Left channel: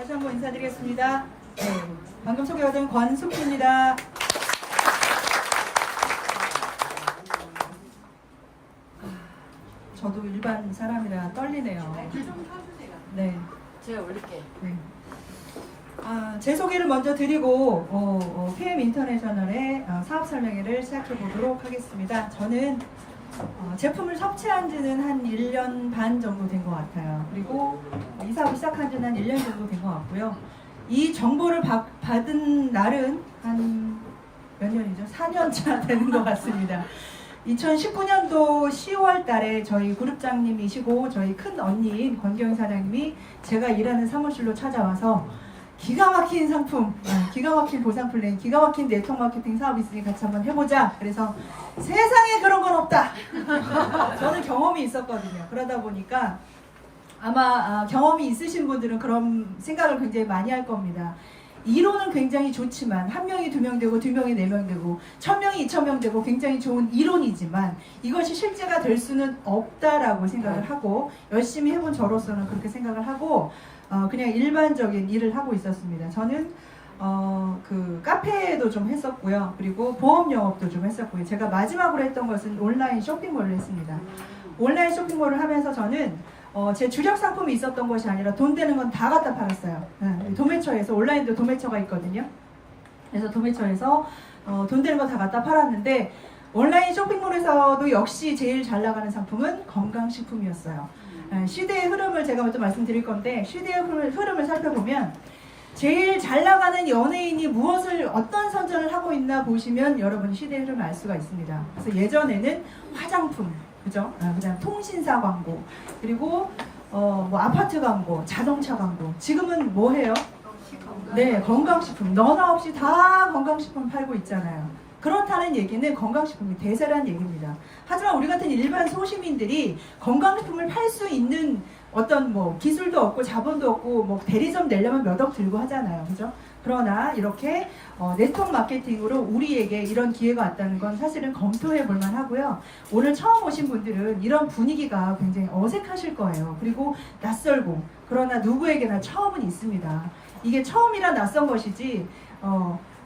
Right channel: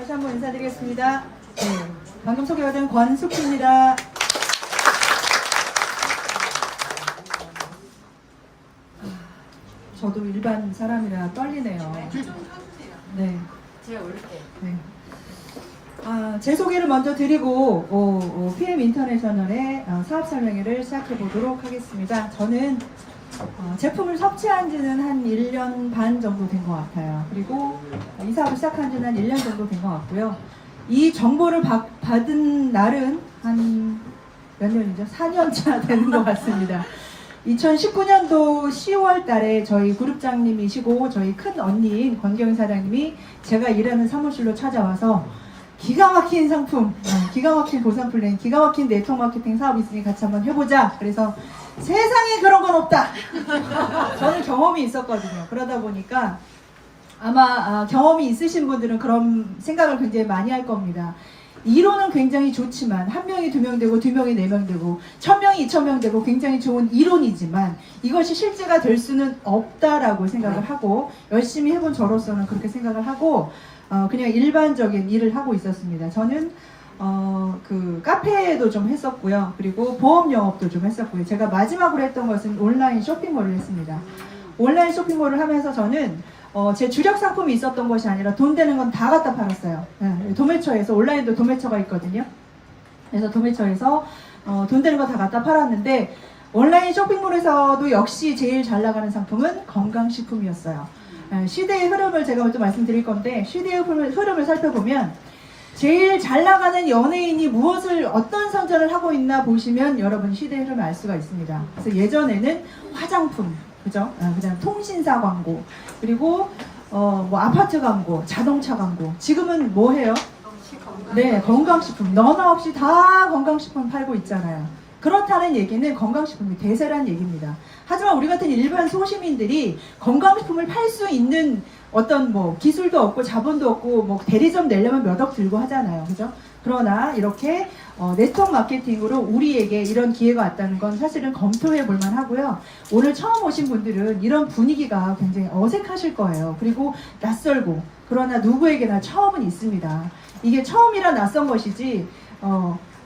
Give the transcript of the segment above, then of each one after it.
다시 한번 인사드리겠습니다. 네, 방금 소개받은 권숙희입니다. 저도 일반 사람이라 떨리네요. 네. 제가 올릴게요. 네. 제 소개를 먼저 드리고 PM 인터내셔널의 사업 설명회를 시작해 보도록 하겠습니다. 저는 제품을 섭취한 지는 한 1년 반 정도 된 것 같아요. 그리고 이 사업을 시작한 지는 한 1년 정도 된 것 같고요. 이 정보를 받은 날은 한 몇 년이죠? 4년차 되는 것 같습니다. 2019년도 10월 달에 저희 그룹장님이시고 저희 큰 언니인 권경희 사장님이 제가 일하는 사무실로 찾아와서 기가 막힌 상품, 기가 막힌 보상 플랜, 기가 막힌 네트워크 마케팅 사업이 있으니 같이 한번 해보자. 그래서 세상에 그런 건 없다. 저는 경험이 있었거든요. 그러다 보니까 아마 경험이 있으신 분들은 그런 생각을 굉장히 많이 할 겁니다. 이론은 굉장히 좋지만 한 명이 2명 되고 2명이 4명 되고 1000명이 2000명 되고 굉장히 좋은 이론이지만 이것이 실제가 될 수는 없다라고 생각을 하고 열심히 해본 저로서는 그렇게 생각을 하고 그냥 일반적인 일을 하고 있었습니다. 저는 그 카페도 좀 했었고요. 그리고 보험 영업도 좀 했었고요. 제가 마지막으로 했던 것은 온라인 쇼핑몰을 했습니다. 온라인 쇼핑몰을 하면서 저는 제 주력 상품이 있었던 것이 아니라 돈 되는 건 다 갖다 팔았어요. 네, 도매처에서 온라인도 도매처가 있거든요. 그래서 도매처에서 돈 되는 거 다 갖다 팔았는데 온라인 쇼핑몰에서도 역시 제일 잘 나가는 상품은 건강식품이었어요. 시대의 흐름을 제가 먼저 말씀드릴 건데 시대의 흐름을 살펴보면 제일 잘 나가는 연예인이 어떤 선전을 하고 있나 보시면 여러분 시대의 흐름을 알 수가 있습니다. 그래서 예전에는 화장품, 그죠? 그다음 통신사 광고, 그리고 뭐 아파트 광고, 자동차 광고. 지금은 뭐 해요? 네, 건강식품. 너나 없이 다 건강식품 팔고 있잖아요. 그렇다는 얘기는 건강식품이 대세라는 얘기입니다. 하지만 우리 같은 일반 소시민들이 건강식품을 팔 수 있는 어떤 뭐 기술도 없고 자본도 없고 뭐 대리점 내려면 몇 억 들고 하잖아요. 그죠? 그러나 이렇게 네트워크 마케팅으로 우리에게 이런 기회가 왔다는 건 사실은 검토해 볼 만하고요. 오늘 처음 오신 분들은 이런 분위기가 굉장히 어색하실 거예요. 그리고 낯설고 그러나 누구에게나 처음은 있습니다. 이게 처음이라 낯선 것이지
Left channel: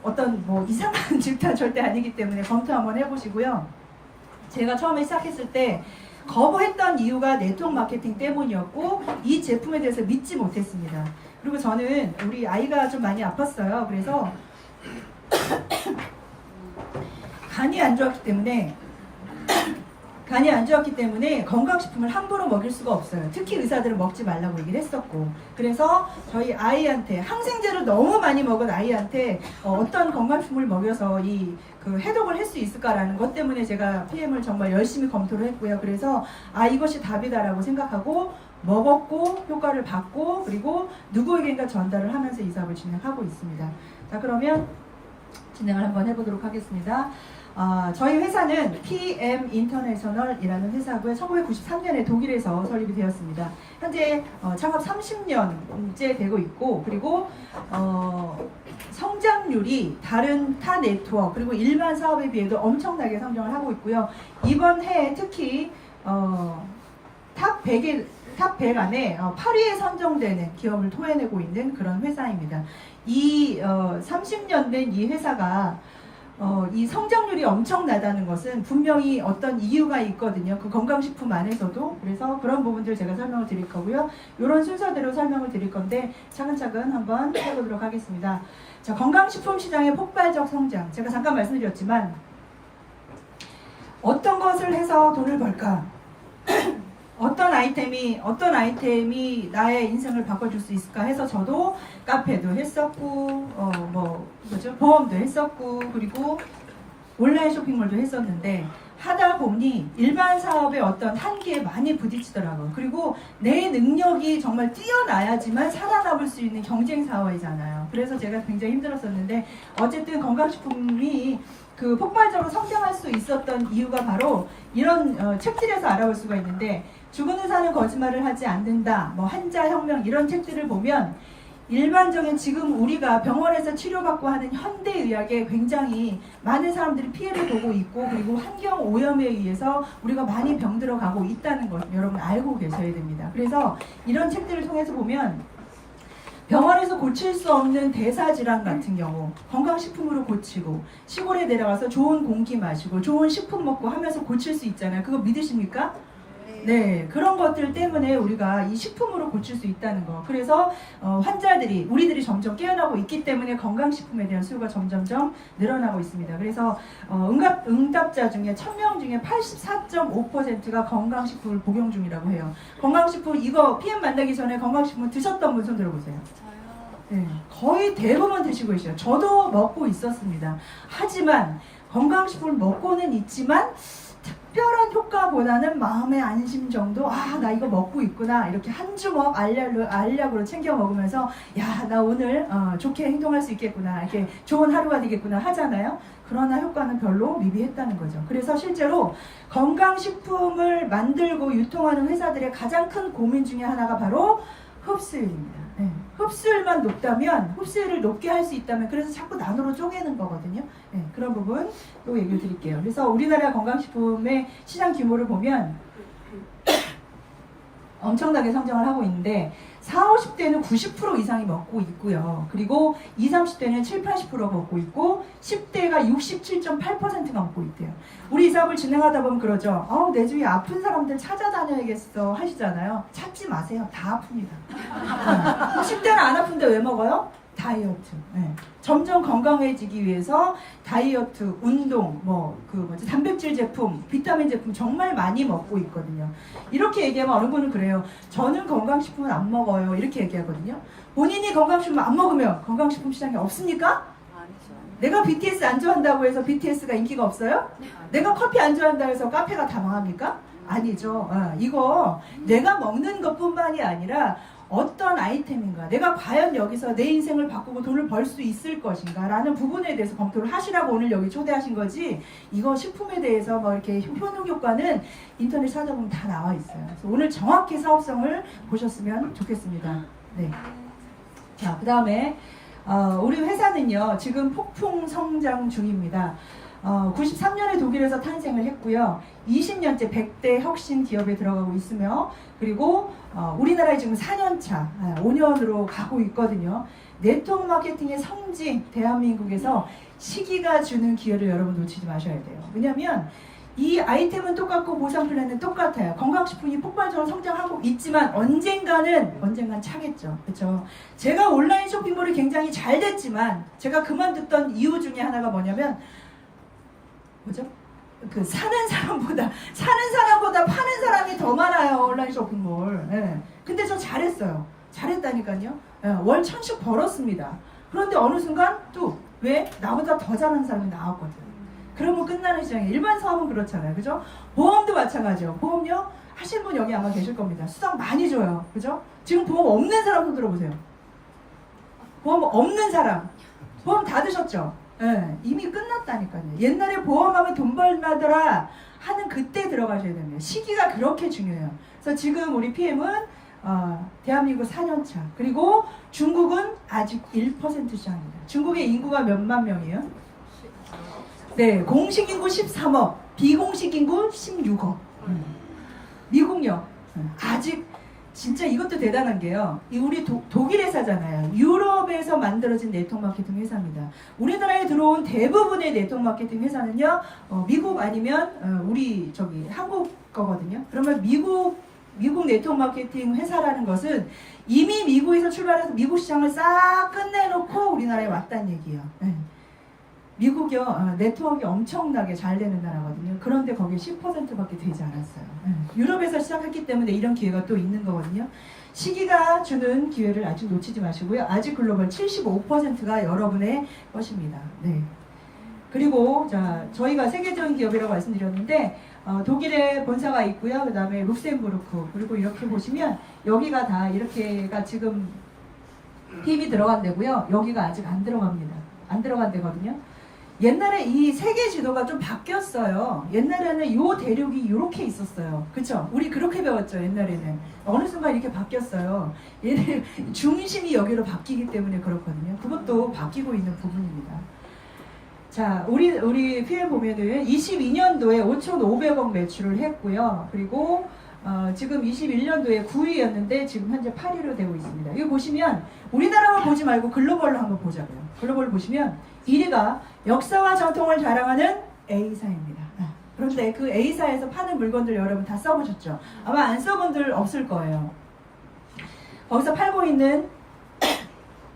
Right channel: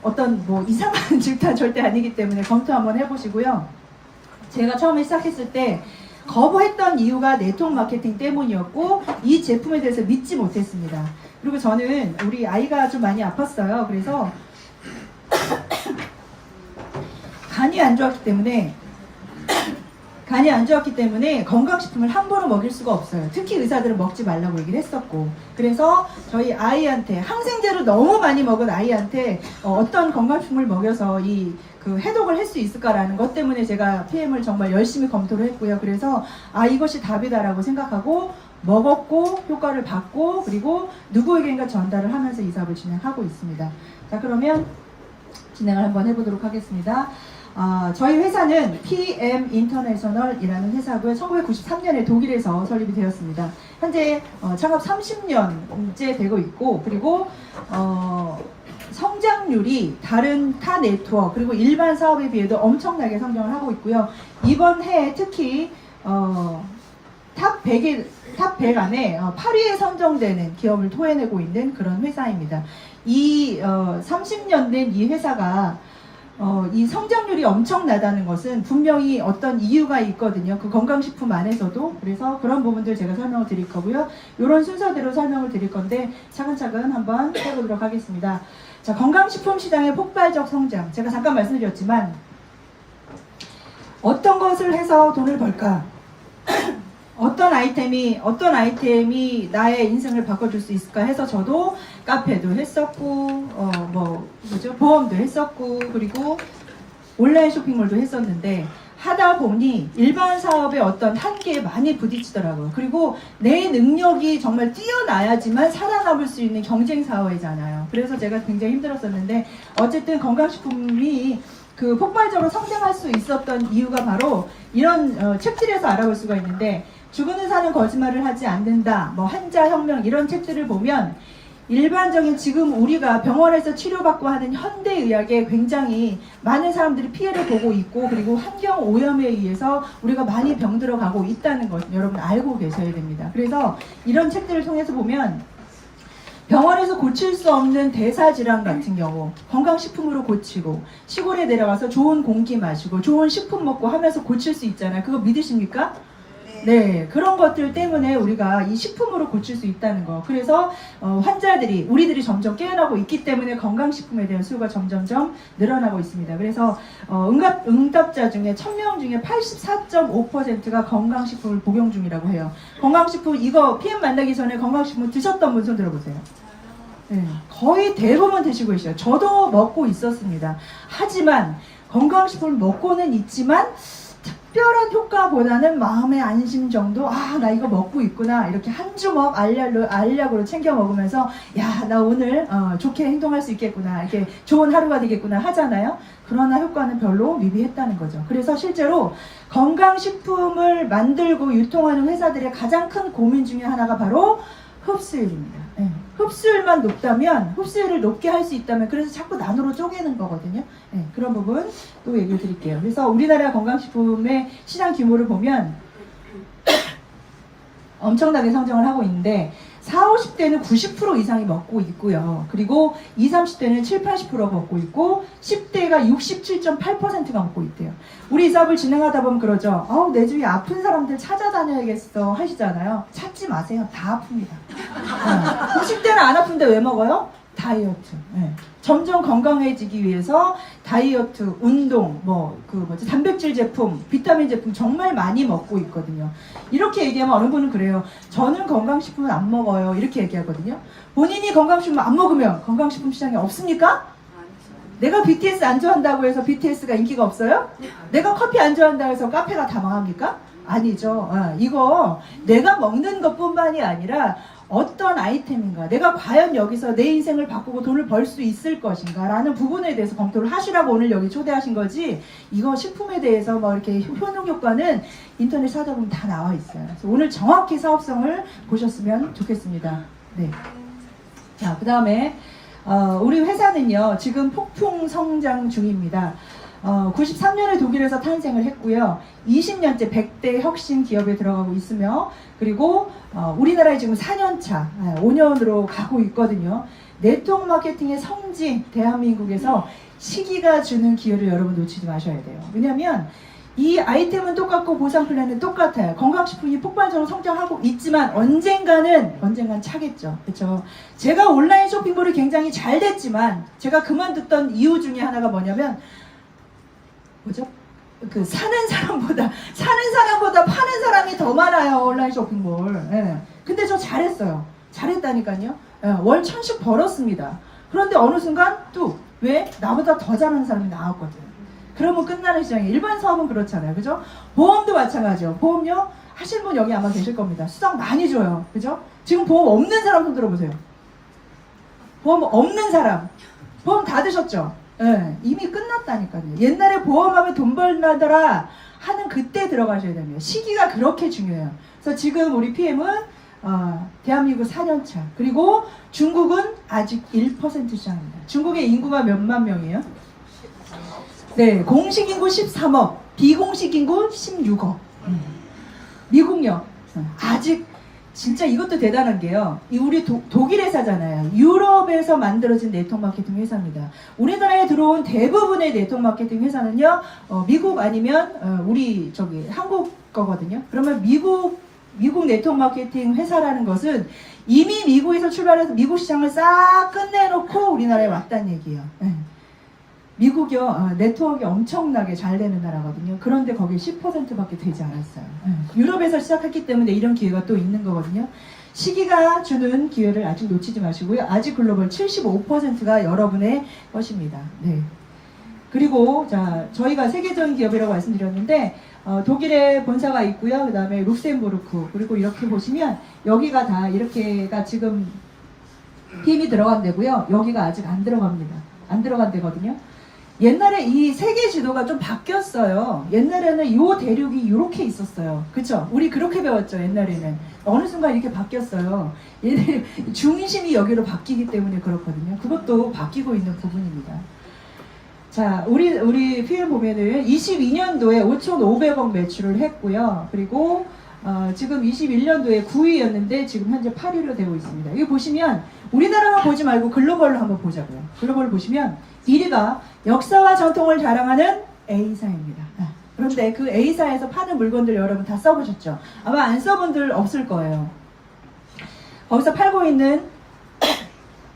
어떤 뭐 이상한 질투는 절대 아니기 때문에 검토 한번 해보시고요. 제가 처음에 시작했을 때 거부했던 이유가 네트워크 마케팅 때문이었고 이 제품에 대해서 믿지 못했습니다. 그리고 저는 우리 아이가 좀 많이 아팠어요. 그래서 간이 안 좋았기 때문에 건강식품을 함부로 먹일 수가 없어요. 특히 의사들은 먹지 말라고 얘기를 했었고, 그래서 저희 아이한테 항생제를 너무 많이 먹은 아이한테 어떤 건강식품을 먹여서 그 해독을 할 수 있을까라는 것 때문에 제가 PM을 정말 열심히 검토를 했고요. 그래서 이것이 답이다라고 생각하고 먹었고 효과를 봤고 그리고 누구에게인가 전달을 하면서 이 사업을 진행하고 있습니다. 자, 그러면 진행을 한번 해보도록 하겠습니다. 저희 회사는 PM 인터내셔널이라는 회사고요. 1993년에 독일에서 설립이 되었습니다. 현재 창업 30년째 되고 있고 그리고 성장률이 다른 타 네트워크 그리고 일반 사업에 비해도 엄청나게 성장을 하고 있고요. 이번 해에 특히 탑 100 안에 8위에 선정되는 기업을 토해내고 있는 그런 회사입니다. 이 30년 된 이 회사가 이 성장률이 엄청나다는 것은 분명히 어떤 이유가 있거든요. 그 건강식품 안에서도. 그래서 그런 부분들 제가 설명을 드릴 거고요. 이런 순서대로 설명을 드릴 건데 차근차근 한번 해보도록 하겠습니다. 자, 건강식품 시장의 폭발적 성장. 제가 잠깐 말씀드렸지만 어떤 것을 해서 돈을 벌까? 어떤 아이템이 나의 인생을 바꿔줄 수 있을까 해서 저도 카페도 했었고 보험도 했었고 그리고 온라인 쇼핑몰도 했었는데 하다 보니 일반 사업의 어떤 한계에 많이 부딪히더라고요. 그리고 내 능력이 정말 뛰어나야지만 살아남을 수 있는 경쟁 사회잖아요. 그래서 제가 굉장히 힘들었었는데 어쨌든 건강식품이 그 폭발적으로 성장할 수 있었던 이유가 바로 이런 책들에서 알아볼 수가 있는데 죽은 의사는 거짓말을 하지 않는다, 뭐 한자혁명 이런 책들을 보면 일반적인 지금 우리가 병원에서 치료받고 하는 현대의학에 굉장히 많은 사람들이 피해를 보고 있고 그리고 환경 오염에 의해서 우리가 많이 병들어 가고 있다는 것 여러분 알고 계셔야 됩니다. 그래서 이런 책들을 통해서 보면 병원에서 고칠 수 없는 대사질환 같은 경우 건강식품으로 고치고 시골에 내려가서 좋은 공기 마시고 좋은 식품 먹고 하면서 고칠 수 있잖아요. 그거 믿으십니까? 네, 그런 것들 때문에 우리가 이 식품으로 고칠 수 있다는 거. 그래서 환자들이 우리들이 점점 깨어나고 있기 때문에 건강식품에 대한 수요가 점점점 늘어나고 있습니다. 그래서 응답자 중에 1000명 중에 84.5%가 건강식품을 복용 중이라고 해요. 건강식품 이거 PM 만나기 전에 건강식품 드셨던 분 손 들어보세요. 네, 거의 대부분 드시고 계셔요. 저도 먹고 있었습니다. 하지만 건강식품을 먹고는 있지만 특별한 효과보다는 마음의 안심 정도. 아, 나 이거 먹고 있구나. 이렇게 한 주먹 알약으로 챙겨 먹으면서 야, 나 오늘 좋게 행동할 수 있겠구나. 이렇게 좋은 하루가 되겠구나 하잖아요. 그러나 효과는 별로 미비했다는 거죠. 그래서 실제로 건강식품을 만들고 유통하는 회사들의 가장 큰 고민 중에 하나가 바로 흡수율입니다. 네. 흡수율만 높다면, 흡수율을 높게 할 수 있다면, 그래서 자꾸 나눠로 쪼개는 거거든요. 네. 그런 부분 또 얘기를 드릴게요. 그래서 우리나라 건강식품의 시장 규모를 보면 엄청나게 성장을 하고 있는데 40, 50대는 90% 이상이 먹고 있고요. 그리고 20, 30대는 7, 80%가 먹고 있고 10대가 67.8%가 먹고 있대요. 우리 이 사업을 진행하다 보면 그러죠. 내 주위에 아픈 사람들 찾아다녀야겠어 하시잖아요. 찾지 마세요. 다 아픕니다. 10대는 안 아픈데 왜 먹어요? 다이어트. 네. 점점 건강해지기 위해서 다이어트, 운동, 단백질 제품, 비타민 제품 정말 많이 먹고 있거든요. 이렇게 얘기하면 어느 분은 그래요. 저는 건강식품을 안 먹어요. 이렇게 얘기하거든요. 본인이 건강식품을 안 먹으면 건강식품 시장이 없습니까? 내가 BTS 안 좋아한다고 해서 BTS가 인기가 없어요? 내가 커피 안 좋아한다고 해서 카페가 다 망합니까? 아니죠. 이거 내가 먹는 것뿐만이 아니라 어떤 아이템인가, 내가 과연 여기서 내 인생을 바꾸고 돈을 벌 수 있을 것인가 라는 부분에 대해서 검토를 하시라고 오늘 여기 초대하신 거지, 이거 식품에 대해서 이렇게 효능 효과는 인터넷 찾아보면 다 나와 있어요. 그래서 오늘 정확히 사업성을 보셨으면 좋겠습니다. 네. 자, 그 다음에 우리 회사는요 지금 폭풍 성장 중입니다. 93년에 독일에서 탄생을 했고요. 20년째 100대 혁신 기업에 들어가고 있으며, 그리고 우리나라에 지금 4년차, 5년으로 가고 있거든요. 네트워크 마케팅의 성지 대한민국에서 시기가 주는 기회를 여러분 놓치지 마셔야 돼요. 왜냐하면 이 아이템은 똑같고 보상 플랜은 똑같아요. 건강식품이 폭발적으로 성장하고 있지만 언젠간 차겠죠. 그렇죠? 제가 온라인 쇼핑몰이 굉장히 잘 됐지만 제가 그만뒀던 이유 중에 하나가 뭐냐면 뭐죠? 사는 사람보다 파는 사람이 더 많아요. 온라인 쇼핑몰. 예. 근데 저 잘했어요. 잘했다니까요. 예. 월 1000씩 벌었습니다. 그런데 어느 순간 또 왜? 나보다 더 잘하는 사람이 나왔거든요. 그러면 끝나는 시장이에요. 일반 사업은 그렇잖아요. 그죠? 보험도 마찬가지요. 보험료 하실 분 여기 아마 계실 겁니다. 수당 많이 줘요. 그죠? 지금 보험 없는 사람 손 들어보세요. 보험 없는 사람. 보험 다 드셨죠? 네, 이미 끝났다니까요. 옛날에 보험하면 돈 벌나더라 하는 그때 들어가셔야 됩니다. 시기가 그렇게 중요해요. 그래서 지금 우리 PM은 대한민국 4년차, 그리고 중국은 아직 1% 시장입니다. 중국의 인구가 몇만 명이에요? 네, 공식 인구 13억, 비공식 인구 16억. 미국요. 아직 진짜 이것도 대단한 게요. 우리 독일 회사잖아요. 유럽에서 만들어진 네트워크 마케팅 회사입니다. 우리나라에 들어온 대부분의 네트워크 마케팅 회사는요, 미국 아니면 우리 한국 거거든요. 그러면 미국 네트워크 마케팅 회사라는 것은 이미 미국에서 출발해서 미국 시장을 싹 끝내놓고 우리나라에 왔다는 얘기예요. 네. 미국이요, 네트워크가 엄청나게 잘 되는 나라거든요. 그런데 거기 10%밖에 되지 않았어요. 유럽에서 시작했기 때문에 이런 기회가 또 있는 거거든요. 시기가 주는 기회를 아직 놓치지 마시고요. 아직 글로벌 75%가 여러분의 것입니다. 네. 그리고 저희가 세계적인 기업이라고 말씀드렸는데 독일에 본사가 있고요. 그 다음에 룩셈부르크, 그리고 이렇게 보시면 여기가 다 이렇게가 지금 PM이 들어간 데고요. 여기가 아직 안 들어갑니다. 안 들어간 데거든요. 옛날에 이 세계 지도가 좀 바뀌었어요. 옛날에는 이 대륙이 이렇게 있었어요. 그쵸? 우리 그렇게 배웠죠. 옛날에는. 어느 순간 이렇게 바뀌었어요. 얘네 중심이 여기로 바뀌기 때문에 그렇거든요. 그것도 바뀌고 있는 부분입니다. 자, 우리 PM 보면은 22년도에 5,500억 매출을 했고요. 그리고 지금 21년도에 9위였는데 지금 현재 8위로 되고 있습니다. 이거 보시면 우리나라만 보지 말고 글로벌로 한번 보자고요. 글로벌 보시면 1위가 역사와 전통을 자랑하는 A사입니다. 그런데 그 A사에서 파는 물건들 여러분 다 써보셨죠? 아마 안 써본 들 없을 거예요. 거기서 팔고 있는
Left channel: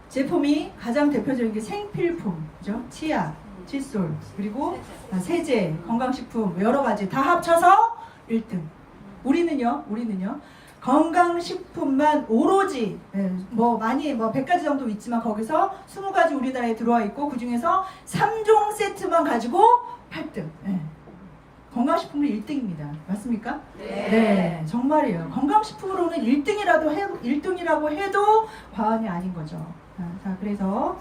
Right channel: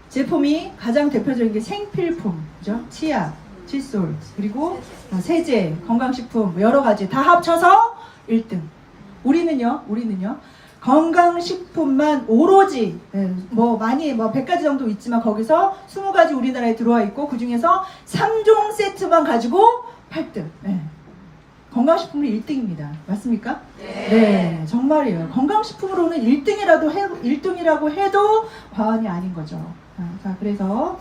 제품이 가장 대표적인 게 생필품, 그죠? 치약, 칫솔, 그리고 세제, 건강식품 여러 가지 다 합쳐서 1등. 우리는요 건강식품만 오로지 뭐 많이 뭐 100가지 정도 있지만 거기서 20가지 우리나라에 들어와 있고 그 중에서 3종 세트만 가지고 8등. 건강식품은 1등입니다. 맞습니까? 네, 정말이에요. 건강식품으로는 1등이라고 해도 과언이 아닌 거죠. 자, 그래서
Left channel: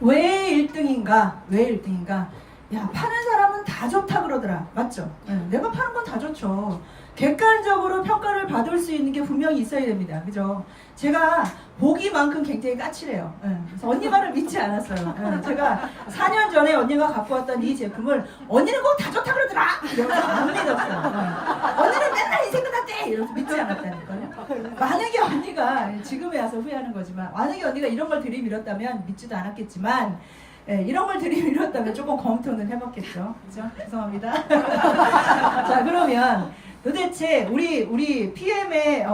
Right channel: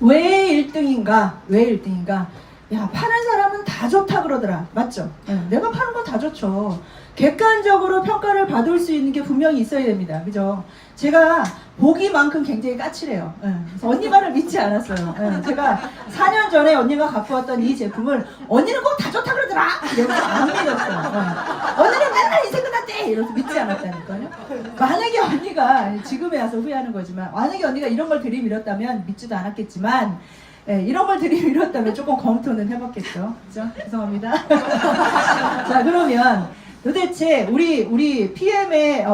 왜 1등인가? 야, 파는 사람은 다 좋다 그러더라. 맞죠? 내가 파는 건 다 좋죠. 객관적으로 평가를 받을 수 있는 게 분명히 있어야 됩니다. 그죠? 제가 보기만큼 굉장히 까칠해요. 그래서 언니 말을 믿지 않았어요. 제가 4년 전에 언니가 갖고 왔던 이 제품을 언니는 꼭 다 좋다 그러더라! 이러면서 안 믿었어요. 언니는 맨날 인생 끝났대! 이러면서 믿지 않았다니까요. 만약에 언니가 지금에 와서 후회하는 거지만 만약에 언니가 이런 걸 들이밀었다면 믿지도 않았겠지만 이런 걸 들이밀었다면 조금 검토는 해봤겠죠. 그죠? 죄송합니다. 자, 그러면 도대체 우리 PM의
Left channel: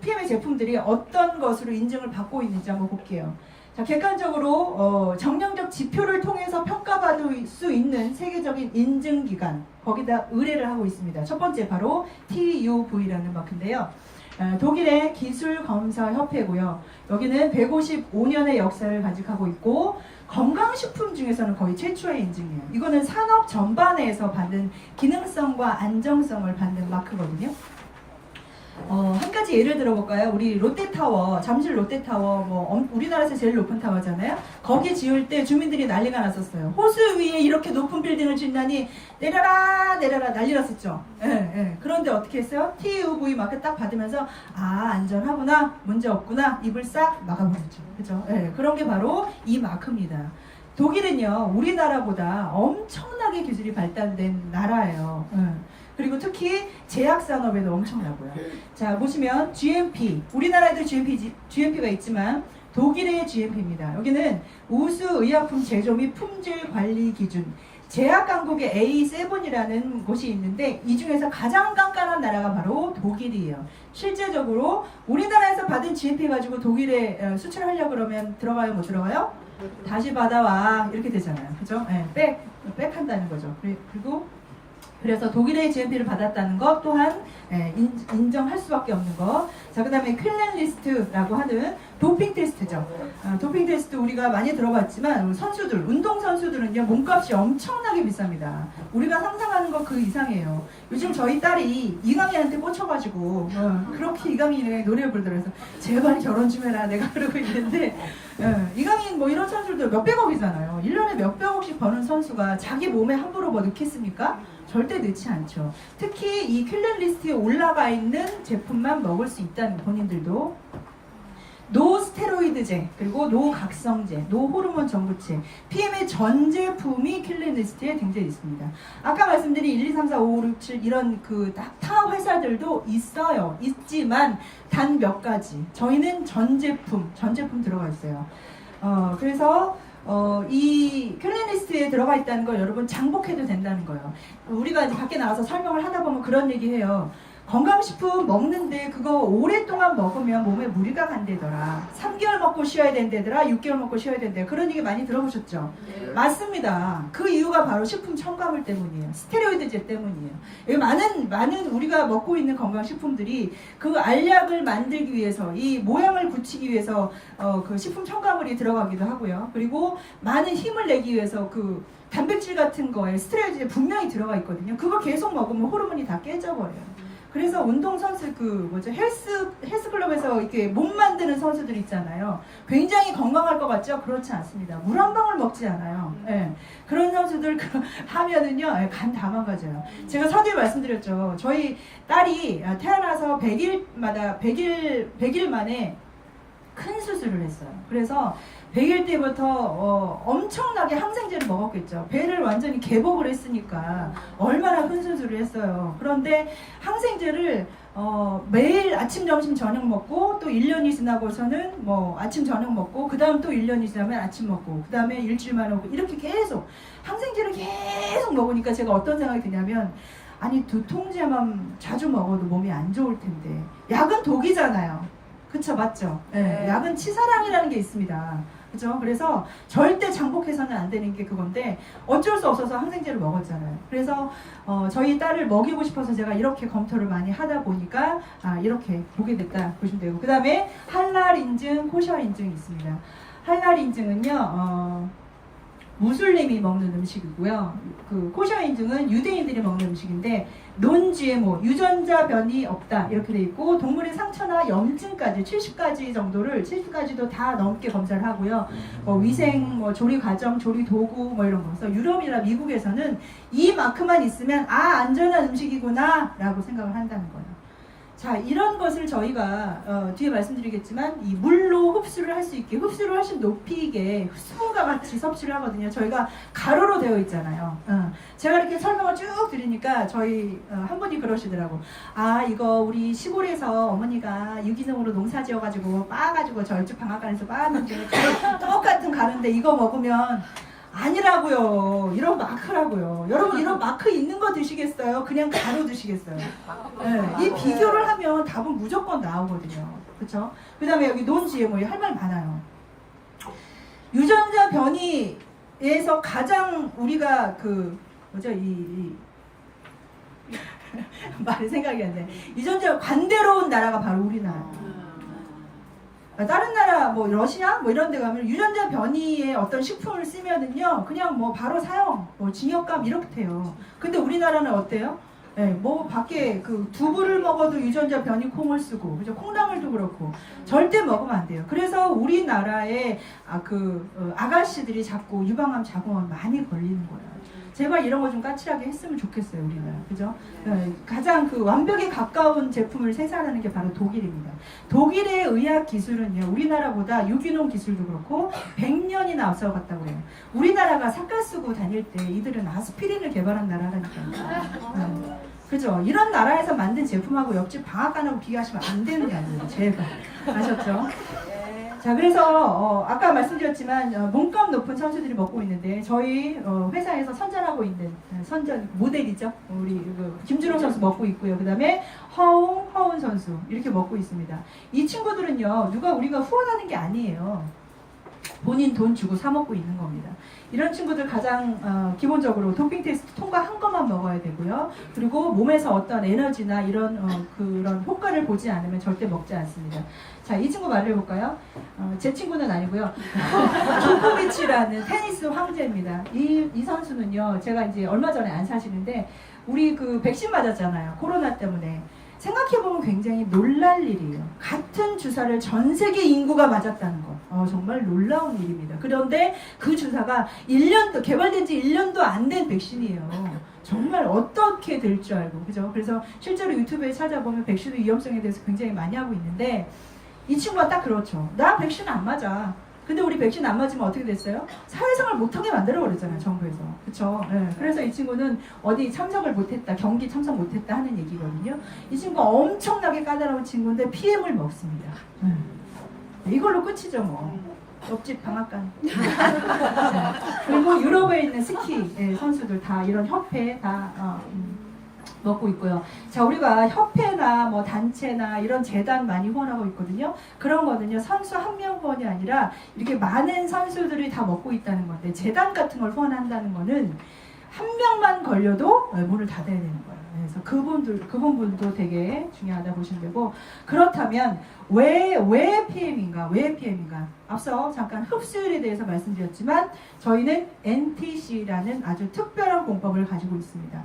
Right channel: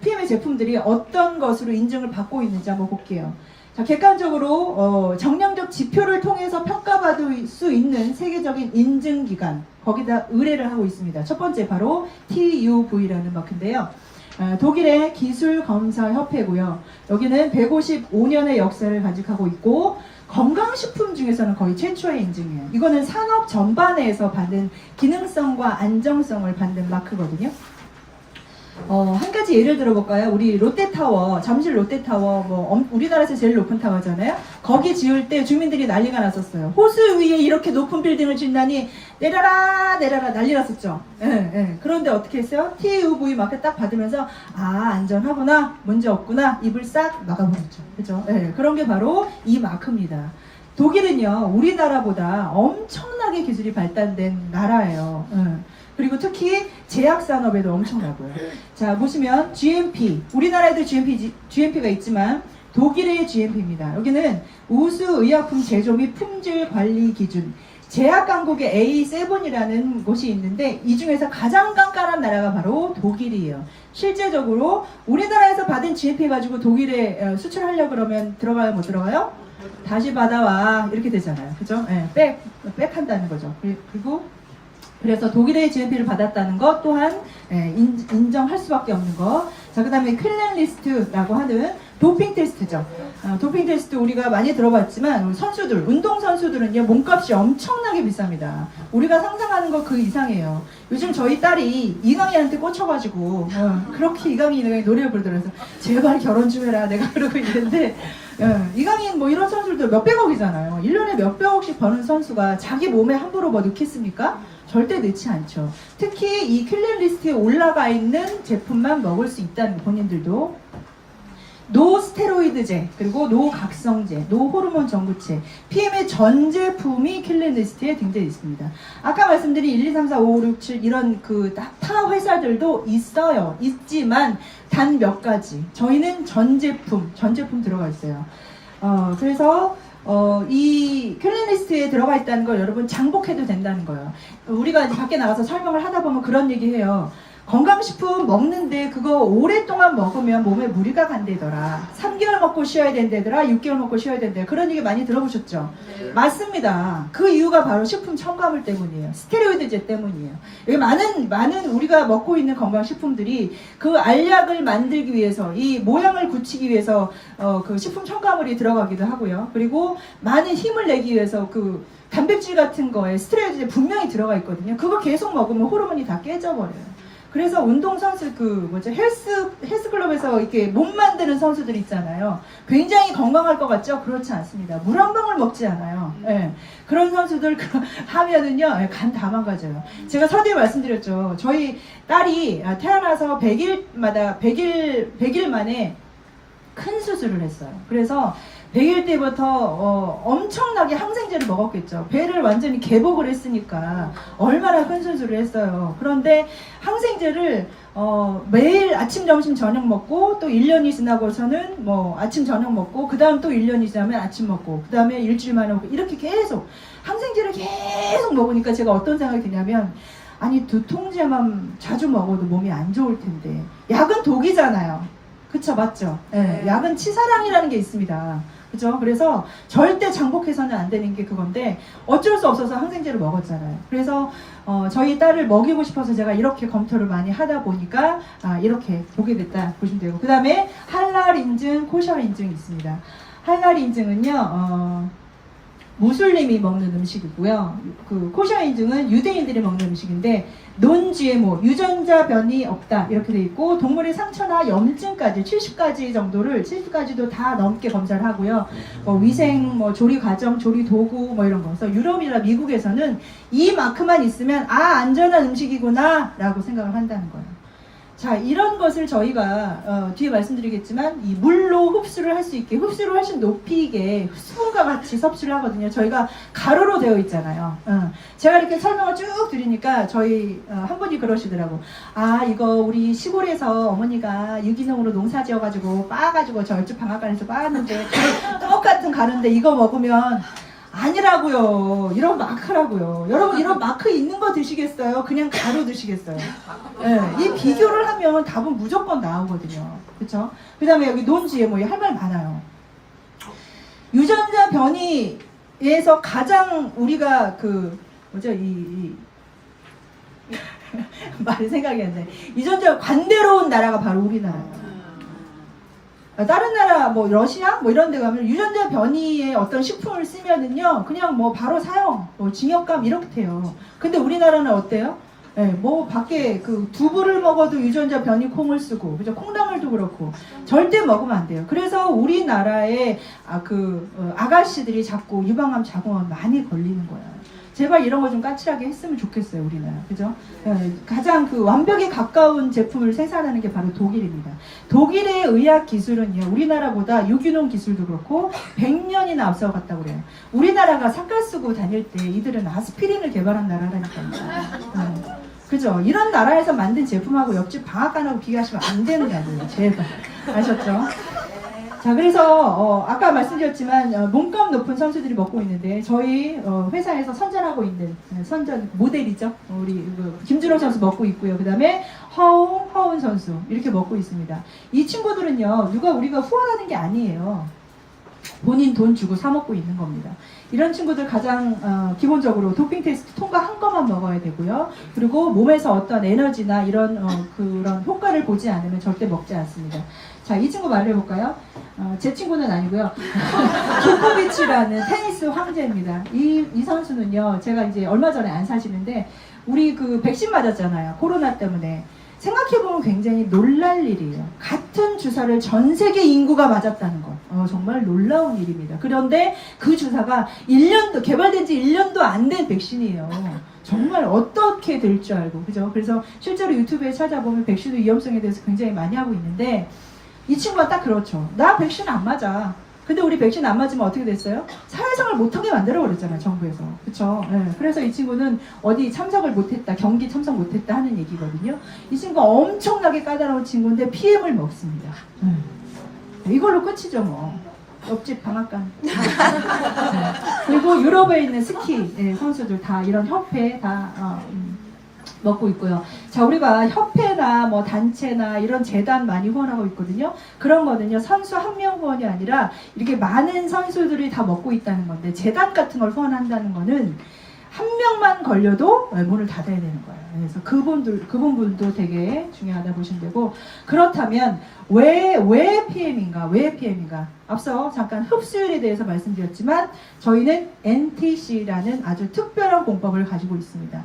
PM의 제품들이 어떤 것으로 인증을 받고 있는지 한번 볼게요. 자, 객관적으로 정량적 지표를 통해서 평가받을 수 있는 세계적인 인증기관 거기다 의뢰를 하고 있습니다. 첫 번째 바로 TUV라는 마크인데요. 독일의 기술검사협회고요. 여기는 155년의 역사를 간직하고 있고 건강식품 중에서는 거의 최초의 인증이에요. 이거는 산업 전반에서 받는 기능성과 안정성을 받는 마크거든요. 한 가지 예를 들어볼까요? 우리 롯데타워, 잠실 롯데타워, 우리나라에서 제일 높은 타워잖아요. 거기 지을 때 주민들이 난리가 났었어요. 호수 위에 이렇게 높은 빌딩을 짓다니 내려라 난리 났었죠. 그런데 어떻게 했어요? TUV 마크 딱 받으면서 안전하구나, 문제 없구나, 입을 싹 막아버렸죠. 그죠? 그런 게 바로 이 마크입니다. 독일은요, 우리나라보다 엄청나게 기술이 발달된 나라예요. 그리고 특히 제약산업에도 엄청나고요. 자, 보시면 GMP, 우리나라에도 GMP가 있지만 독일의 GMP입니다. 여기는 우수 의약품 제조 및 품질 관리 기준, 제약 강국의 A7이라는 곳이 있는데 이 중에서 가장 깐깐한 나라가 바로 독일이에요. 실제적으로 우리나라에서 받은 GMP 가지고 독일에 수출하려고 그러면 들어가요, 못 들어가요? 다시 받아와 이렇게 되잖아요. 그죠? 백한다는 거죠. 그리고 그래서 독일의 GMP를 받았다는 것 또한 인정할 수밖에 없는 것. 자, 그 다음에 클린리스트라고 하는 도핑 테스트죠. 도핑 테스트 우리가 많이 들어봤지만 선수들, 운동선수들은요 몸값이 엄청나게 비쌉니다. 우리가 상상하는 것 그 이상이에요. 요즘 저희 딸이 이강인한테 꽂혀가지고 그렇게 이강인이 노래를 부르더라고요. 제발 결혼 좀 해라 내가 그러고 있는데 이강인 뭐 이런 선수들도 몇백억이잖아요. 1년에 몇백억씩 버는 선수가 자기 몸에 함부로 뭐 넣겠습니까? 절대 넣지 않죠. 특히 이 킬러리스트에 올라가 있는 제품만 먹을 수 있다는 본인들도 노 스테로이드제, 그리고 노 각성제, 노 호르몬 전구체, PM의 전 제품이 킬러리스트에 등재되어 있습니다. 아까 말씀드린 1, 2, 3, 4, 5, 6, 7 이런 그 타 회사들도 있어요. 있지만 단 몇 가지. 저희는 전 제품 들어가 있어요. 그래서 이 킬러리스트에 들어가 있다는 걸 여러분 장복해도 된다는 거예요. 우리가 이제 밖에 나가서 설명을 하다 보면 그런 얘기 해요. 건강식품 먹는데 그거 오랫동안 먹으면 몸에 무리가 간대더라. 3개월 먹고 쉬어야 된대더라. 6개월 먹고 쉬어야 된대. 그런 얘기 많이 들어보셨죠? 네. 맞습니다. 그 이유가 바로 식품 첨가물 때문이에요. 스테로이드제 때문이에요. 여기 많은 우리가 먹고 있는 건강식품들이 그 알약을 만들기 위해서 이 모양을 굳히기 위해서 그 식품 첨가물이 들어가기도 하고요. 그리고 많은 힘을 내기 위해서 그 단백질 같은 거에 스테로이드제 분명히 들어가 있거든요. 그거 계속 먹으면 호르몬이 다 깨져버려요. 그래서 운동선수 헬스클럽에서 이렇게 몸 만드는 선수들 있잖아요. 굉장히 건강할 것 같죠? 그렇지 않습니다. 물 한 방울 먹지 않아요. 그런 선수들 하면은요, 간 다 망가져요. 제가 서두에 말씀드렸죠. 저희 딸이 태어나서 100일 만에 큰 수술을 했어요. 그래서 100일 때부터 엄청나게 항생제를 먹었겠죠. 배를 완전히 개복을 했으니까 얼마나 큰 수술을 했어요. 그런데 항생제를 매일 아침, 점심, 저녁 먹고 또 1년이 지나고서는 뭐 아침, 저녁 먹고 그 다음 또 1년이 지나면 아침 먹고 그 다음에 일주일 만에 먹고 이렇게 계속 항생제를 계속 먹으니까 제가 어떤 생각이 드냐면 아니 두통제만 자주 먹어도 몸이 안 좋을 텐데 약은 독이잖아요. 그쵸, 맞죠? 네, 약은 치사량이라는 게 있습니다. 그죠? 그래서 절대 장복해서는 안 되는 게 그건데 어쩔 수 없어서 항생제를 먹었잖아요. 그래서 저희 딸을 먹이고 싶어서 제가 이렇게 검토를 많이 하다 보니까 이렇게 보게 됐다 보시면 되고, 그 다음에 할랄 인증, 코셔 인증이 있습니다. 할랄 인증은요 무슬림이 먹는 음식이고요. 그 코셔 인증은 유대인들이 먹는 음식인데 논GMO, 유전자 변이 없다 이렇게 돼 있고 동물의 상처나 염증까지 70가지도 다 넘게 검사를 하고요. 위생, 조리 과정, 조리 도구 이런 거. 그래서 유럽이나 미국에서는 이 마크만 있으면 안전한 음식이구나 라고 생각을 한다는 거예요. 자, 이런 것을 저희가 뒤에 말씀드리겠지만 이 물로 흡수를 할 수 있게, 흡수를 훨씬 높이게 수분과 같이 섭취를 하거든요. 저희가 가루로 되어 있잖아요. 제가 이렇게 설명을 쭉 드리니까 저희 한 분이 그러시더라고. 이거 우리 시골에서 어머니가 유기농으로 농사 지어가지고 빻아가지고 저 옆집 방앗간에서 빻았는데 똑같은 가루인데 이거 먹으면 아니라고요. 이런 마크라고요. 여러분 이런 마크 있는 거 드시겠어요? 그냥 가루 드시겠어요? 네, 이 비교를 하면 답은 무조건 나오거든요. 그렇죠? 그 다음에 여기 논GMO 할 말 많아요. 유전자 변이에서 가장 우리가 말이 생각이 안 나요. 유전자 관대로운 나라가 바로 우리나라예요. 다른 나라 러시아 이런 데 가면 유전자 변이의 어떤 식품을 쓰면은요 그냥 바로 사용, 징역감 이렇게 돼요. 근데 우리나라는 어때요? 네, 밖에 두부를 먹어도 유전자 변이 콩을 쓰고, 그죠? 콩나물도 그렇고 절대 먹으면 안 돼요. 그래서 우리나라의 아가씨들이 자꾸 유방암 자궁암 많이 걸리는 거예요. 제발 이런 거 좀 까칠하게 했으면 좋겠어요, 우리나라. 그죠? 가장 완벽에 가까운 제품을 생산하는 게 바로 독일입니다. 독일의 의학 기술은요, 우리나라보다 유기농 기술도 그렇고 100년이나 앞서갔다고 그래요. 우리나라가 삭갈 쓰고 다닐 때 이들은 아스피린을 개발한 나라라니까요. 그죠? 이런 나라에서 만든 제품하고 옆집 방앗간하고 비교하시면 안 되는 게 아니에요. 제발. 아셨죠? 자, 그래서 아까 말씀드렸지만 몸값 높은 선수들이 먹고 있는데 저희 회사에서 선전하고 있는 선전 모델이죠. 우리 김준호 선수 먹고 있고요. 그 다음에 허운 선수 이렇게 먹고 있습니다. 이 친구들은요 우리가 후원하는 게 아니에요. 본인 돈 주고 사 먹고 있는 겁니다. 이런 친구들 가장 기본적으로 도핑 테스트 통과한 것만 먹어야 되고요. 그리고 몸에서 어떤 에너지나 이런 그런 효과를 보지 않으면 절대 먹지 않습니다. 자, 이 친구 말을 해볼까요? 제 친구는 아니고요. 조코비치라는 테니스 황제입니다. 이 선수는요, 제가 이제 얼마 전에 안 사시는데 우리 백신 맞았잖아요. 코로나 때문에. 생각해보면 굉장히 놀랄 일이에요. 같은 주사를 전 세계 인구가 맞았다는 것. 정말 놀라운 일입니다. 그런데 그 주사가 개발된 지 1년도 안 된 백신이에요. 정말 어떻게 될 줄 알고. 그죠? 그래서 실제로 유튜브에 찾아보면 백신 위험성에 대해서 굉장히 많이 하고 있는데 이 친구가 딱 그렇죠. 나 백신 안 맞아. 근데 우리 백신 안 맞으면 어떻게 됐어요? 사회생활 못하게 만들어버렸잖아요, 정부에서. 그쵸? 네. 그래서 이 친구는 어디 참석을 못했다, 경기 참석 못했다 하는 얘기거든요. 이 친구가 엄청나게 까다로운 친구인데 PM을 먹습니다. 이걸로 끝이죠, 뭐. 옆집 방앗간. 네. 그리고 유럽에 있는 스키 선수들 다 이런 협회 다 먹고 있고요. 자, 우리가 협회나 단체나 이런 재단 많이 후원하고 있거든요. 그런 거는요, 선수 한 명 후원이 아니라 이렇게 많은 선수들이 다 먹고 있다는 건데, 재단 같은 걸 후원한다는 거는 한 명만 걸려도 문을 닫아야 되는 거예요. 그래서 그 부분도 되게 중요하다 보시면 되고, 그렇다면 왜 PM인가? 앞서 잠깐 흡수율에 대해서 말씀드렸지만 저희는 NTC라는 아주 특별한 공법을 가지고 있습니다.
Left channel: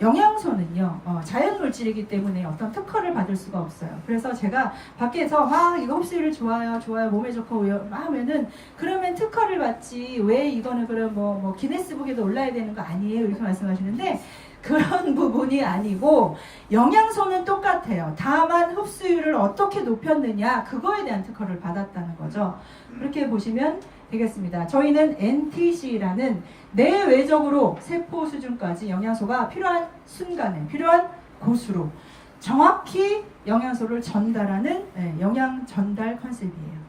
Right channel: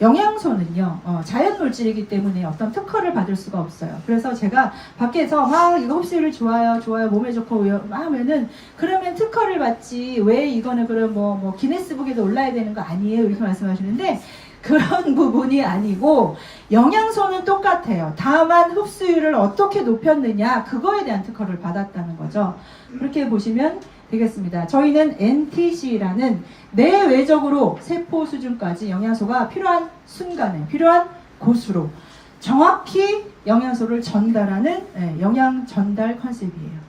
영양소는요, 자연물질이기 때문에 어떤 특허를 받을 수가 없어요. 그래서 제가 밖에서 이거 흡수율이 좋아요, 몸에 좋고 하면은 그러면 특허를 받지 왜 이거는 그럼 기네스북에도 올라야 되는 거 아니에요? 이렇게 말씀하시는데 그런 부분이 아니고 영양소는 똑같아요. 다만 흡수율을 어떻게 높였느냐 그거에 대한 특허를 받았다는 거죠. 그렇게 보시면 되겠습니다. 저희는 NTC라는 내외적으로 세포 수준까지 영양소가 필요한 순간에 필요한 곳으로 정확히 영양소를 전달하는 영양 전달 컨셉이에요.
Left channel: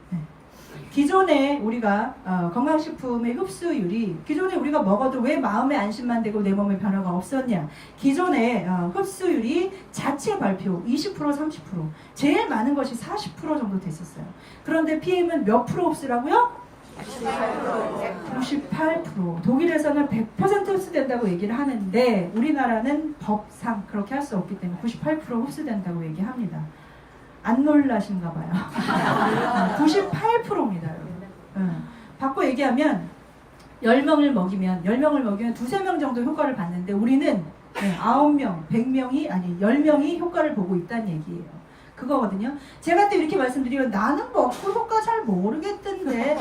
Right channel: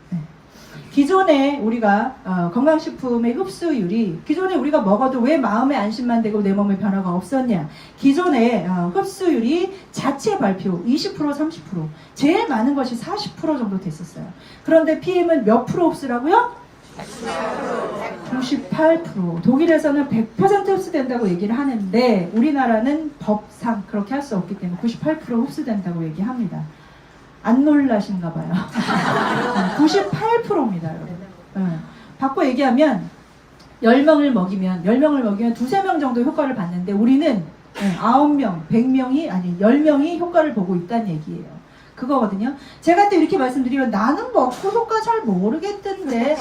기존에 우리가 건강식품의 흡수율이 기존에 우리가 먹어도 왜 마음에 안심만 되고 내 몸에 변화가 없었냐. 기존에 흡수율이 자체 발표 20% 30% 제일 많은 것이 40% 정도 됐었어요. 그런데 PM은 몇 프로 흡수라고요? 98%. 독일에서는 100% 흡수된다고 얘기를 하는데 우리나라는 법상 그렇게 할 수 없기 때문에 98% 흡수된다고 얘기합니다. 안 놀라신가 봐요. 98%입니다, 여러분. 바꿔 얘기하면 10명을 먹이면 두세 명 정도 효과를 봤는데 우리는 9명, 100명이 아니 10명이 효과를 보고 있다는 얘기예요. 그거거든요. 제가 또 이렇게 말씀드리면 나는 먹고 효과 잘 모르겠던데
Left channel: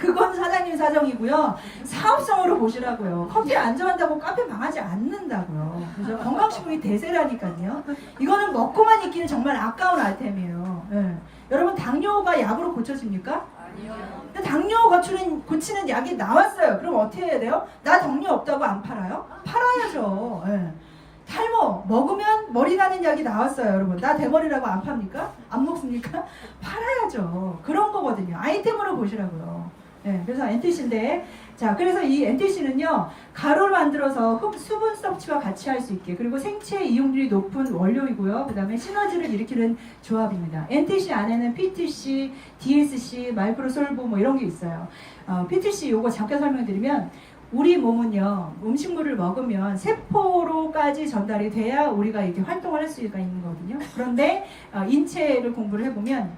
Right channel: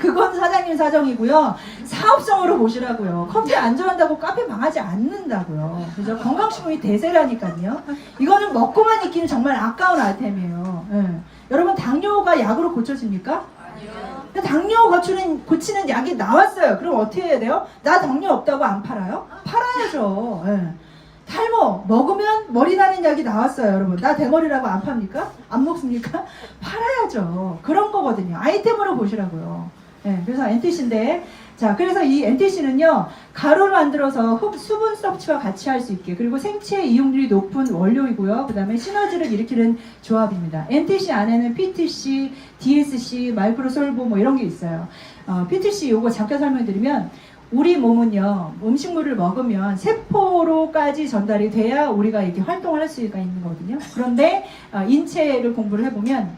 그건 사장님 사정이고요. 사업성으로 보시라고요. 커피 안 좋아한다고 카페 망하지 않는다고요. 그죠? 건강식품이 대세라니까요. 이거는 먹고만 있기는 정말 아까운 아이템이에요. 여러분 당뇨가 약으로 고쳐집니까? 아니요. 당뇨 고치는 약이 나왔어요. 그럼 어떻게 해야 돼요? 나 당뇨 없다고 안 팔아요? 팔아야죠. 탈모 먹으면 머리 나는 약이 나왔어요. 여러분 나 대머리라고 안 팝니까? 안 먹습니까? 팔아야죠. 그런 거거든요. 아이템으로 보시라고요. 그래서 NTC인데 자 그래서 이 NTC는요 가루를 만들어서 수분 섭취와 같이 할 수 있게 그리고 생체 이용률이 높은 원료이고요. 그 다음에 시너지를 일으키는 조합입니다. NTC 안에는 PTC, DSC, 마이크로솔보 뭐 이런 게 있어요. PTC 요거 잠깐 설명드리면 우리 몸은요 음식물을 먹으면 세포로까지 전달이 돼야 우리가 이렇게 활동을 할 수가 있는 거거든요. 그런데 인체를 공부를 해보면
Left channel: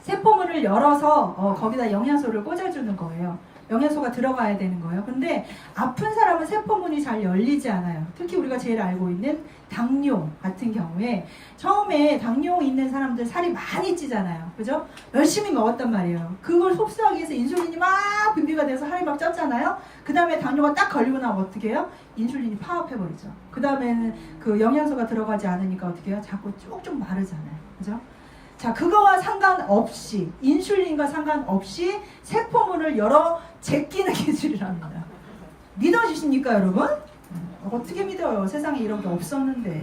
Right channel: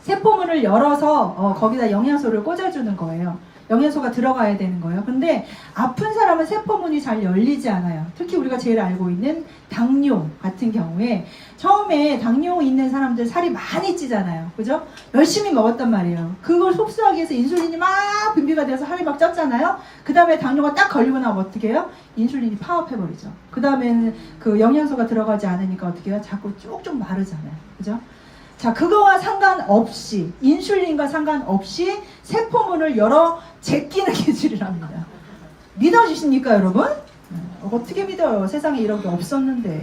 세포문을 열어서 거기다 영양소를 꽂아주는 거예요. 영양소가 들어가야 되는 거예요. 근데 아픈 사람은 세포문이 잘 열리지 않아요. 특히 우리가 제일 알고 있는 당뇨 같은 경우에 처음에 당뇨 있는 사람들 살이 많이 찌잖아요. 그죠? 열심히 먹었단 말이에요. 그걸 흡수하기 위해서 인슐린이 막 분비가 돼서 살이 막 쪘잖아요. 그 다음에 당뇨가 딱 걸리고 나면 어떻게 해요? 인슐린이 파업해버리죠. 그 다음에는 그 영양소가 들어가지 않으니까 어떻게 해요? 자꾸 쭉쭉 마르잖아요. 그죠? 자, 그거와 상관없이 인슐린과 상관없이 세포문을 열어 제끼는 기술이랍니다. 믿어지십니까 여러분? 어떻게 믿어요? 세상에 이런 게 없었는데.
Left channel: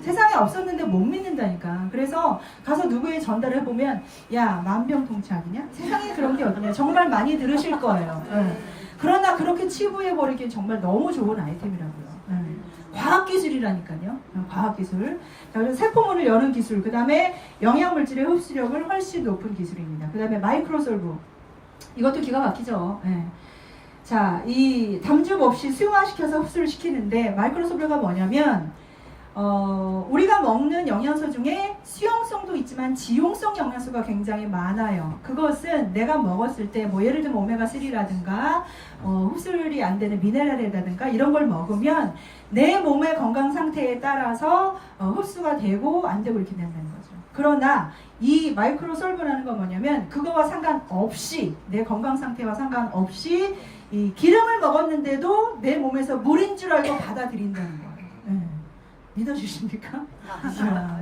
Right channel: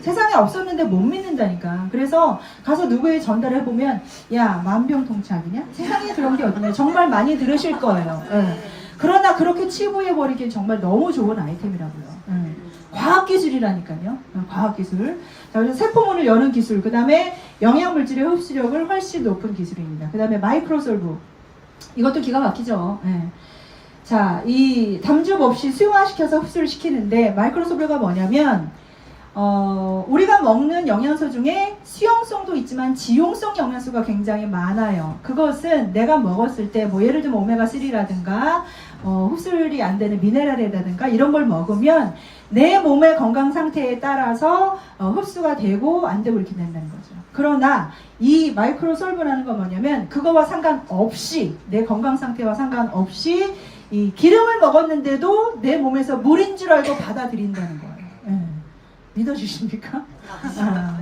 세상에 없었는데 못 믿는다니까. 그래서 가서 누구에 전달해보면 야 만병통치약이냐? 세상에 그런 게 어딨냐? 정말 많이 들으실 거예요. 그러나 그렇게 치부해버리기엔 정말 너무 좋은 아이템이라고요. 과학기술이라니까요. 과학기술. 자, 그래서 세포문을 여는 기술, 그 다음에 영양물질의 흡수력을 훨씬 높은 기술입니다. 그 다음에 마이크로솔브. 이것도 기가 막히죠. 자, 이 담즙 없이 수용화시켜서 흡수를 시키는데 마이크로솔브가 뭐냐면 우리가 먹는 영양소 중에 수용성도 있지만 지용성 영양소가 굉장히 많아요. 그것은 내가 먹었을 때 뭐 예를 들면 오메가3라든가 흡수율이 안 되는 미네랄이라든가 이런 걸 먹으면 내 몸의 건강 상태에 따라서 흡수가 되고 안 되고 이렇게 된다는 거죠. 그러나 이 마이크로솔브라는 건 뭐냐면 그거와 상관없이 내 건강 상태와 상관없이 이 기름을 먹었는데도 내 몸에서 물인 줄 알고 받아들인다는 거예요. 믿어지십니까?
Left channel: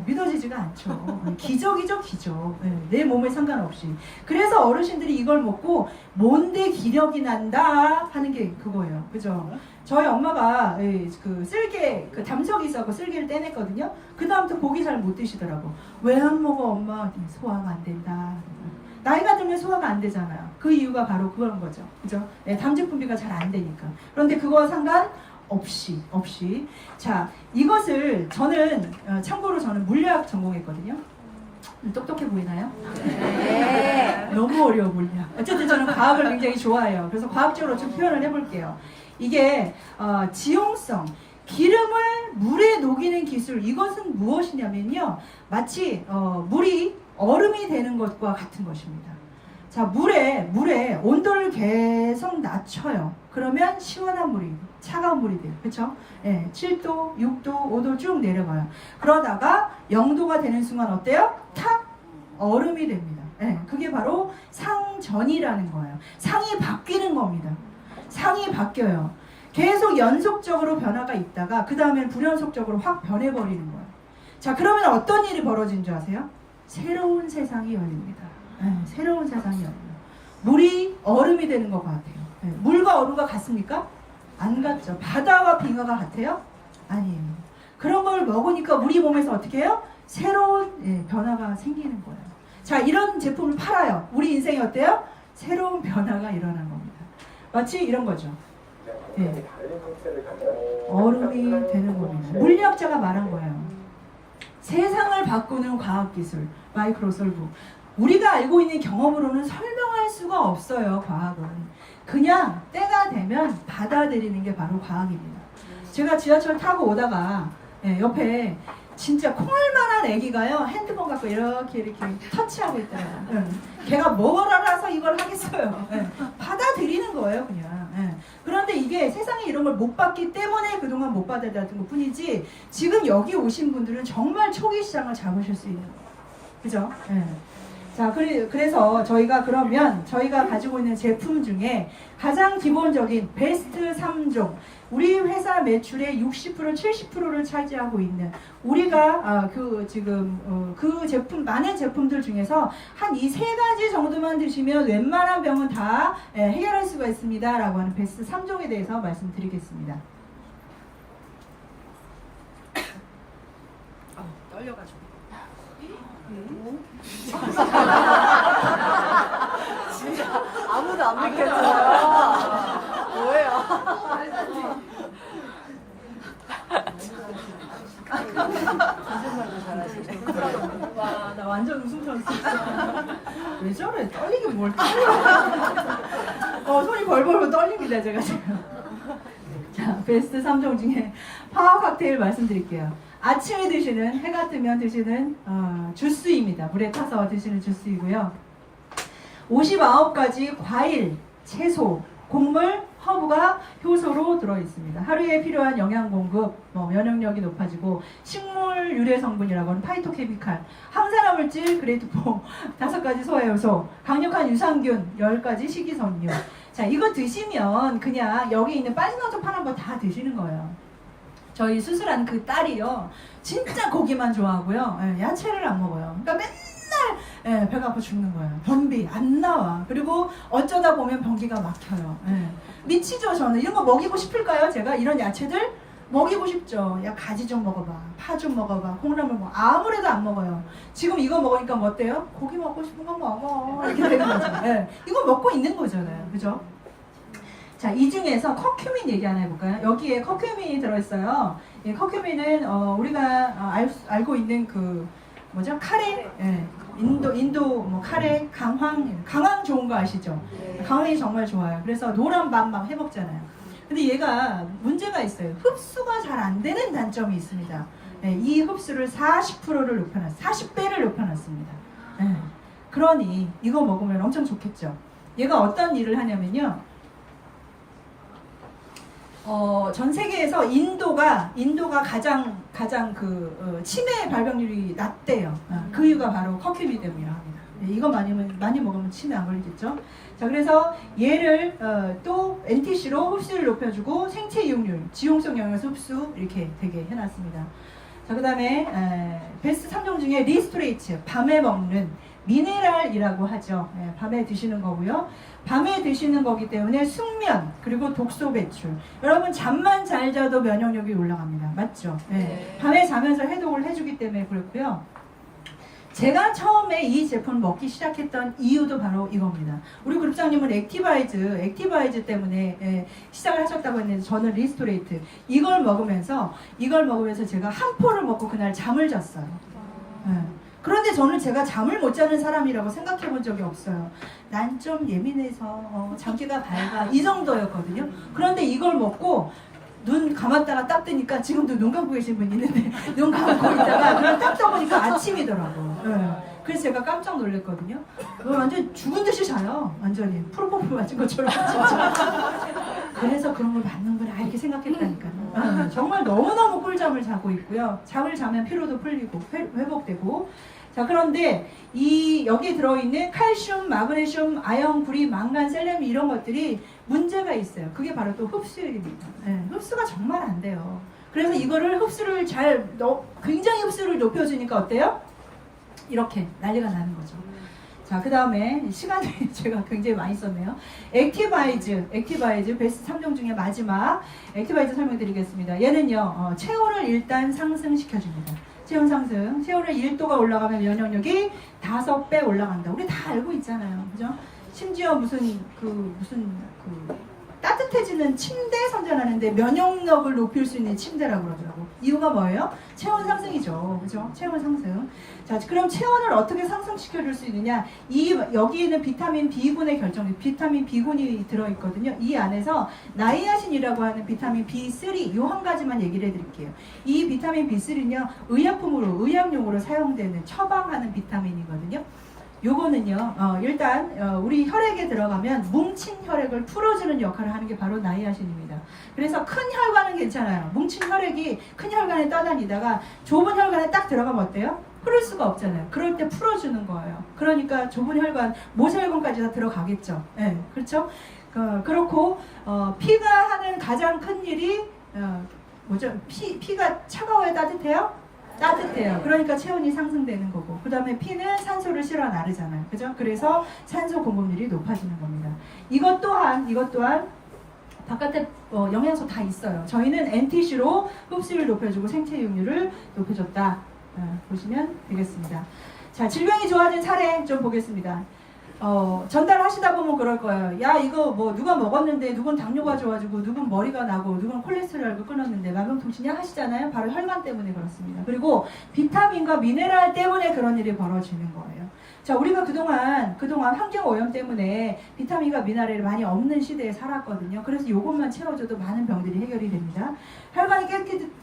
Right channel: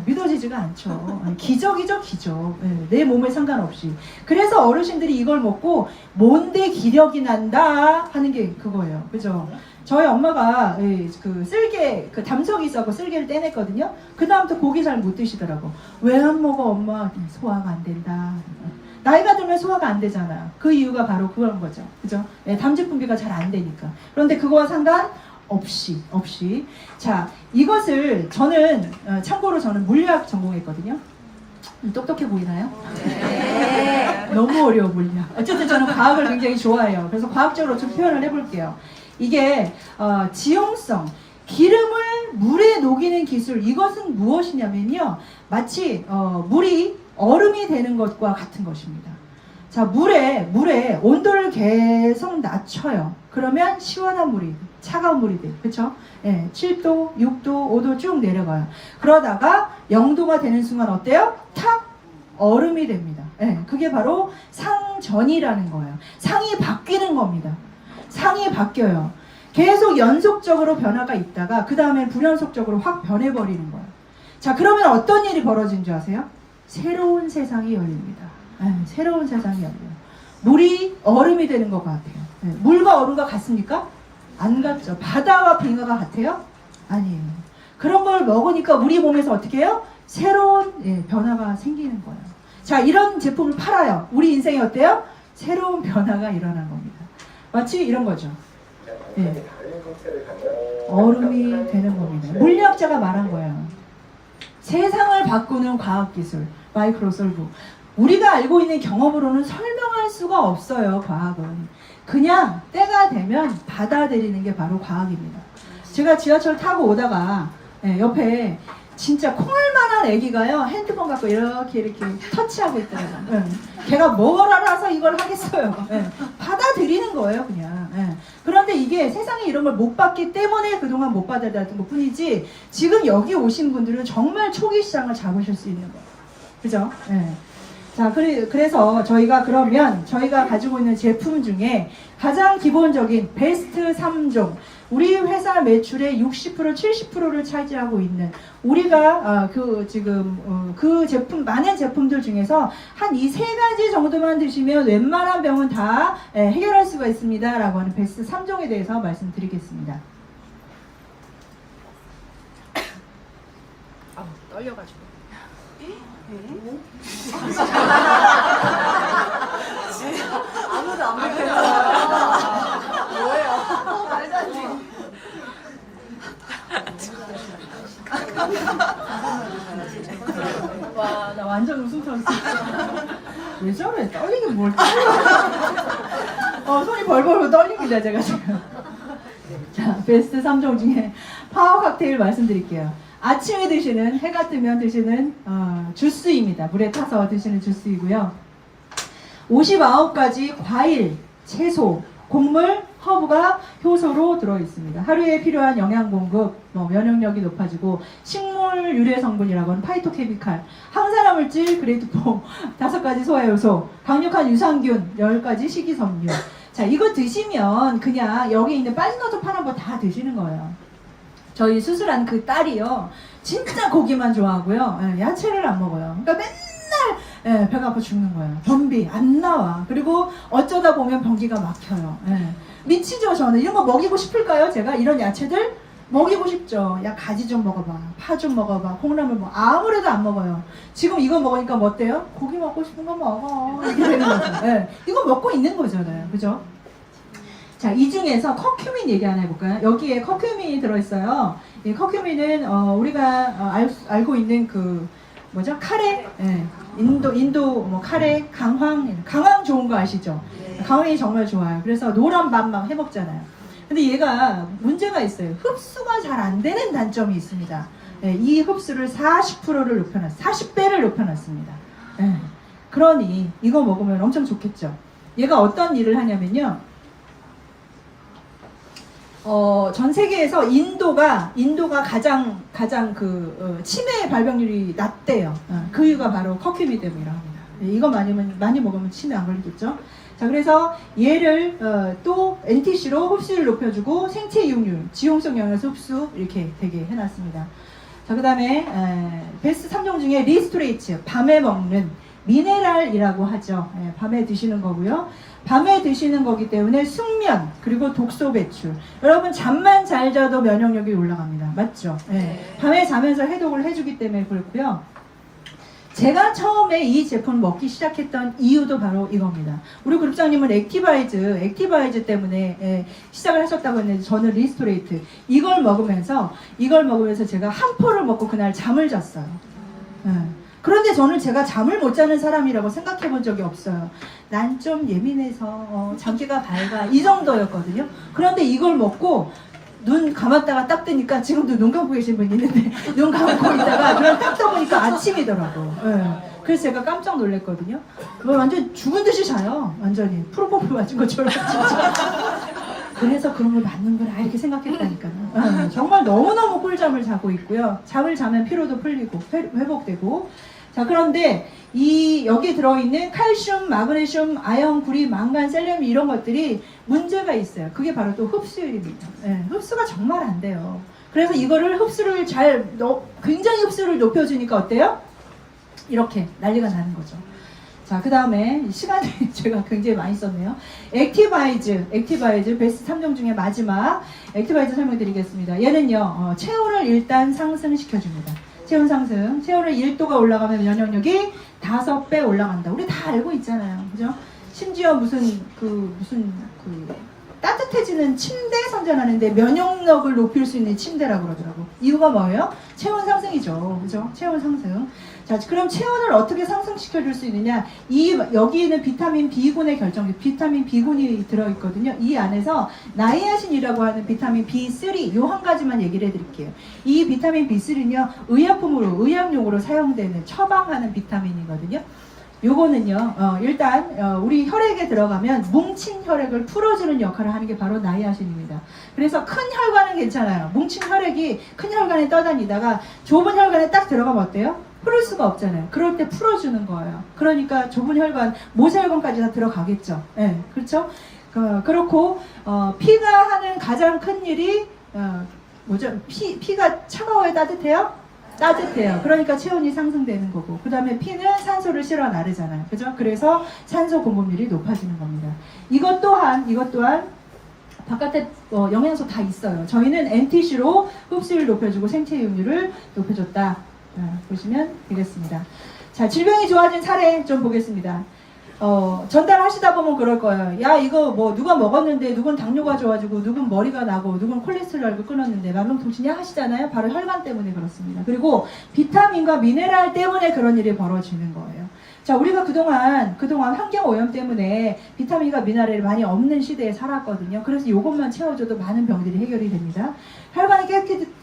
믿어지지가 않죠. 기적이죠, 기적. 내 몸에 상관없이. 그래서 어르신들이 이걸 먹고 뭔데 기력이 난다 하는 게 그거예요. 그죠? 저희 엄마가 그 쓸개, 그 담석이 있어서 쓸개를 떼냈거든요. 그 다음부터 고기 잘 못 드시더라고. 왜 안 먹어, 엄마? 소화가 안 된다. 나이가 들면 소화가 안 되잖아요. 그 이유가 바로 그런 거죠. 그죠? 담즙 분비가 잘 안 되니까. 그런데 그거와 상관없이. 자, 이것을 저는, 참고로 저는 물리학 전공했거든요. 똑똑해 보이나요? 네. 너무 어려워 보이냐. 어쨌든 저는 과학을 굉장히 좋아해요. 그래서 과학적으로 좀 표현을 해볼게요. 이게 지용성, 기름을 물에 녹이는 기술, 이것은 무엇이냐면요. 마치 물이 얼음이 되는 것과 같은 것입니다. 자, 물에 온도를 계속 낮춰요. 그러면 시원한 물이, 차가운 물이 돼요. 그쵸? 7도, 6도, 5도 쭉 내려가요. 그러다가 0도가 되는 순간 어때요? 탁! 얼음이 됩니다. 그게 바로 상전이라는 거예요. 상이 바뀌는 겁니다. 상이 바뀌어요. 계속 연속적으로 변화가 있다가 그 다음에 불연속적으로 확 변해버리는 거예요. 자, 그러면 어떤 일이 벌어진 줄 아세요? 새로운 세상이 열립니다. 새로운 세상이 열려요. 물이 얼음이 되는 것 같아요. 물과 얼음과 같습니까? 안 같죠. 바다와 빙하가 같아요? 아니에요. 그런 걸 먹으니까 우리 몸에서 어떻게 해요? 새로운 변화가 생기는 거예요. 자, 이런 제품을 팔아요. 우리 인생이 어때요? 새로운 변화가 일어난 겁니다. 마치 이런 거죠. 얼음이 되는 겁니다. 물리학자가 말한 거예요. 세상을 바꾸는 과학기술, 마이크로솔브. 우리가 알고 있는 경험으로는 설명할 수가 없어요, 과학은. 그냥 때가 되면 받아들이는 게 바로 과학입니다. 제가 지하철 타고 오다가 옆에 진짜 콩알만한 애기가요, 핸드폰 갖고 이렇게 터치하고 있더라고요. 걔가 뭘 알아서 이걸 하겠어요. 받아들이는 거예요, 그냥. 그런데 이게 세상에 이런 걸 못 봤기 때문에 그동안 못 받아들였던 것 뿐이지, 지금 여기 오신 분들은 정말 초기 시장을 잡으실 수 있는 거예요. 그죠? 자, 그래서 저희가 그러면 저희가 가지고 있는 제품 중에 가장 기본적인 베스트 3종, 우리 회사 매출의 60%, 70%를 차지하고 있는 우리가 그 제품, 많은 제품들 중에서 한 이 세 가지 정도만 드시면 웬만한 병은 다 해결할 수가 있습니다 라고 하는 베스트 3종에 대해서 말씀드리겠습니다. 떨려가지고 아무도 안 믿겠어. 뭐예요? 말도 안 돼. 와, 나 완전 웃음 터졌어. 왜 저래? 떨리긴 뭘 손이 벌벌 떨립니다, 제가 지금. 자, 베스트 3종 중에 파워 칵테일 말씀드릴게요. 아침에 드시는, 해가 뜨면 드시는 주스입니다. 물에 타서 드시는 주스이고요. 59가지 과일, 채소, 곡물, 허브가 효소로 들어있습니다. 하루에 필요한 영양 공급, 면역력이 높아지고, 식물 유래 성분이라고 하는 파이토케미칼, 항산화 물질 그레이드 4, 5가지 소화효소, 강력한 유산균 10가지 식이섬유. 자, 이거 드시면 그냥 여기 있는 빠지너도 파는 거 다 드시는 거예요. 저희 수술한 그 딸이요, 진짜 고기만 좋아하고요, 야채를 안 먹어요. 그러니까 맨날 배가 아파 죽는 거예요. 변비 안 나와. 그리고 어쩌다 보면 변기가 막혀요. 미치죠. 저는 이런 거 먹이고 싶을까요? 제가 이런 야채들 먹이고 싶죠. 야, 가지 좀 먹어봐, 파 좀 먹어봐, 콩나물 먹어. 아무래도 안 먹어요. 지금 이거 먹으니까 뭐 어때요? 고기 먹고 싶은 거 먹어, 이렇게 되는 거죠. 이거 먹고 있는 거잖아요, 그죠? 자, 이 중에서 커큐민 얘기 하나 해볼까요? 여기에 커큐민이 들어있어요. 이 커큐민은 우리가 알고 있는 그 뭐죠? 카레, 인도 뭐 카레, 강황 좋은 거 아시죠? 강황이 정말 좋아요. 그래서 노란 밥 막 해먹잖아요. 근데 얘가 문제가 있어요. 흡수가 잘 안 되는 단점이 있습니다. 이 흡수를 40%를 높여놨어요. 40배를 높여놨습니다. 그러니 이거 먹으면 엄청 좋겠죠. 얘가 어떤 일을 하냐면요, 전 세계에서 인도가 가장 치매 발병률이 낮대요. 그 이유가 바로 커큐민 때문이라고 합니다. 이거 많이 먹으면 치매 안 걸리겠죠? 자, 그래서 얘를 또 NTC로 흡수를 높여주고 생체 이용률, 지용성 영양소 흡수 이렇게 되게 해놨습니다. 자, 그 다음에 베스트 3종 중에 리스토레이츠, 밤에 먹는 미네랄이라고 하죠. 밤에 드시는 거고요. 밤에 드시는 거기 때문에 숙면, 그리고 독소 배출. 여러분 잠만 잘 자도 면역력이 올라갑니다. 맞죠? 밤에 자면서 해독을 해주기 때문에 그렇고요. 제가 처음에 이 제품을 먹기 시작했던 이유도 바로 이겁니다. 우리 그룹장님은 액티바이즈 때문에 시작을 하셨다고 했는데, 저는 리스토레이트 이걸 먹으면서 제가 한 포를 먹고 그날 잠을 잤어요. 그런데 저는 제가 잠을 못 자는 사람이라고 생각해 본 적이 없어요. 난 좀 예민해서 잠기가 밝아, 이 정도였거든요. 그런데 이걸 먹고 눈 감았다가 딱 뜨니까, 지금도 눈 감고 계신 분 있는데 눈 감고 있다가 그냥 딱 떠보니까 아침이더라고요. 그래서 제가 깜짝 놀랐거든요. 완전 죽은 듯이 자요. 완전히 프로포폴 맞은 것처럼. 그래서 그런 걸 맞는구나 이렇게 생각했다니까요. 정말 너무너무 꿀잠을 자고 있고요. 잠을 자면 피로도 풀리고 회복되고. 자, 그런데 여기에 들어있는 칼슘, 마그네슘, 아연, 구리, 망간, 셀레늄 이런 것들이 문제가 있어요. 그게 바로 또 흡수율입니다. 예, 흡수가 정말 안 돼요. 그래서 이거를 흡수를 굉장히 흡수를 높여주니까 어때요? 이렇게 난리가 나는 거죠. 자, 그 다음에 시간이 제가 굉장히 많이 썼네요. 액티바이즈 베스트 3종 중에 마지막 액티바이즈 설명드리겠습니다. 얘는요, 체온을 일단 상승시켜줍니다. 체온 상승. 체온을 1도가 올라가면 면역력이 5배 올라간다. 우리 다 알고 있잖아요. 그죠? 심지어 무슨 따뜻해지는 침대 선전하는데 면역력을 높일 수 있는 침대라고 그러더라고. 이유가 뭐예요? 체온 상승이죠. 그죠? 체온 상승. 자, 그럼 체온을 어떻게 상승시켜 줄 수 있느냐? 여기에는 비타민 B군의 비타민 B군이 들어있거든요. 이 안에서 나이아신이라고 하는 비타민 B3, 요 한 가지만 얘기를 해드릴게요. 이 비타민 B3는요, 의약용으로 사용되는 처방하는 비타민이거든요. 요거는요, 일단 우리 혈액에 들어가면 뭉친 혈액을 풀어주는 역할을 하는 게 바로 나이아신입니다. 그래서 큰 혈관은 괜찮아요. 뭉친 혈액이 큰 혈관에 떠다니다가 좁은 혈관에 딱 들어가면 어때요? 풀을 수가 없잖아요. 그럴 때 풀어주는 거예요. 그러니까 좁은 혈관, 모세혈관까지 다 들어가겠죠. 네, 그렇죠? 그렇고 피가 하는 가장 큰 일이 뭐죠? 피가 차가워요, 따뜻해요? 따뜻해요. 그러니까 체온이 상승되는 거고, 그 다음에 피는 산소를 실어 나르잖아요. 그죠? 그래서 산소 공급률이 높아지는 겁니다. 이것 또한 바깥에 영양소 다 있어요. 저희는 NTC로 흡수율 높여주고 생체이용률을 높여줬다. 보시면 되겠습니다. 자, 질병이 좋아진 사례 좀 보겠습니다. 전달하시다 보면 그럴 거예요. 야, 이거 뭐 누가 먹었는데 누군 당뇨가 좋아지고 누군 머리가 나고 누군 콜레스테롤을 끊었는데 만병통치냐 하시잖아요. 바로 혈관 때문에 그렇습니다. 그리고 비타민과 미네랄 때문에 그런 일이 벌어지는 거예요. 자, 우리가 그동안 환경오염 때문에 비타민과 미네랄이 많이 없는 시대에 살았거든요. 그래서 이것만 채워줘도 많은 병들이 해결이 됩니다. 혈관이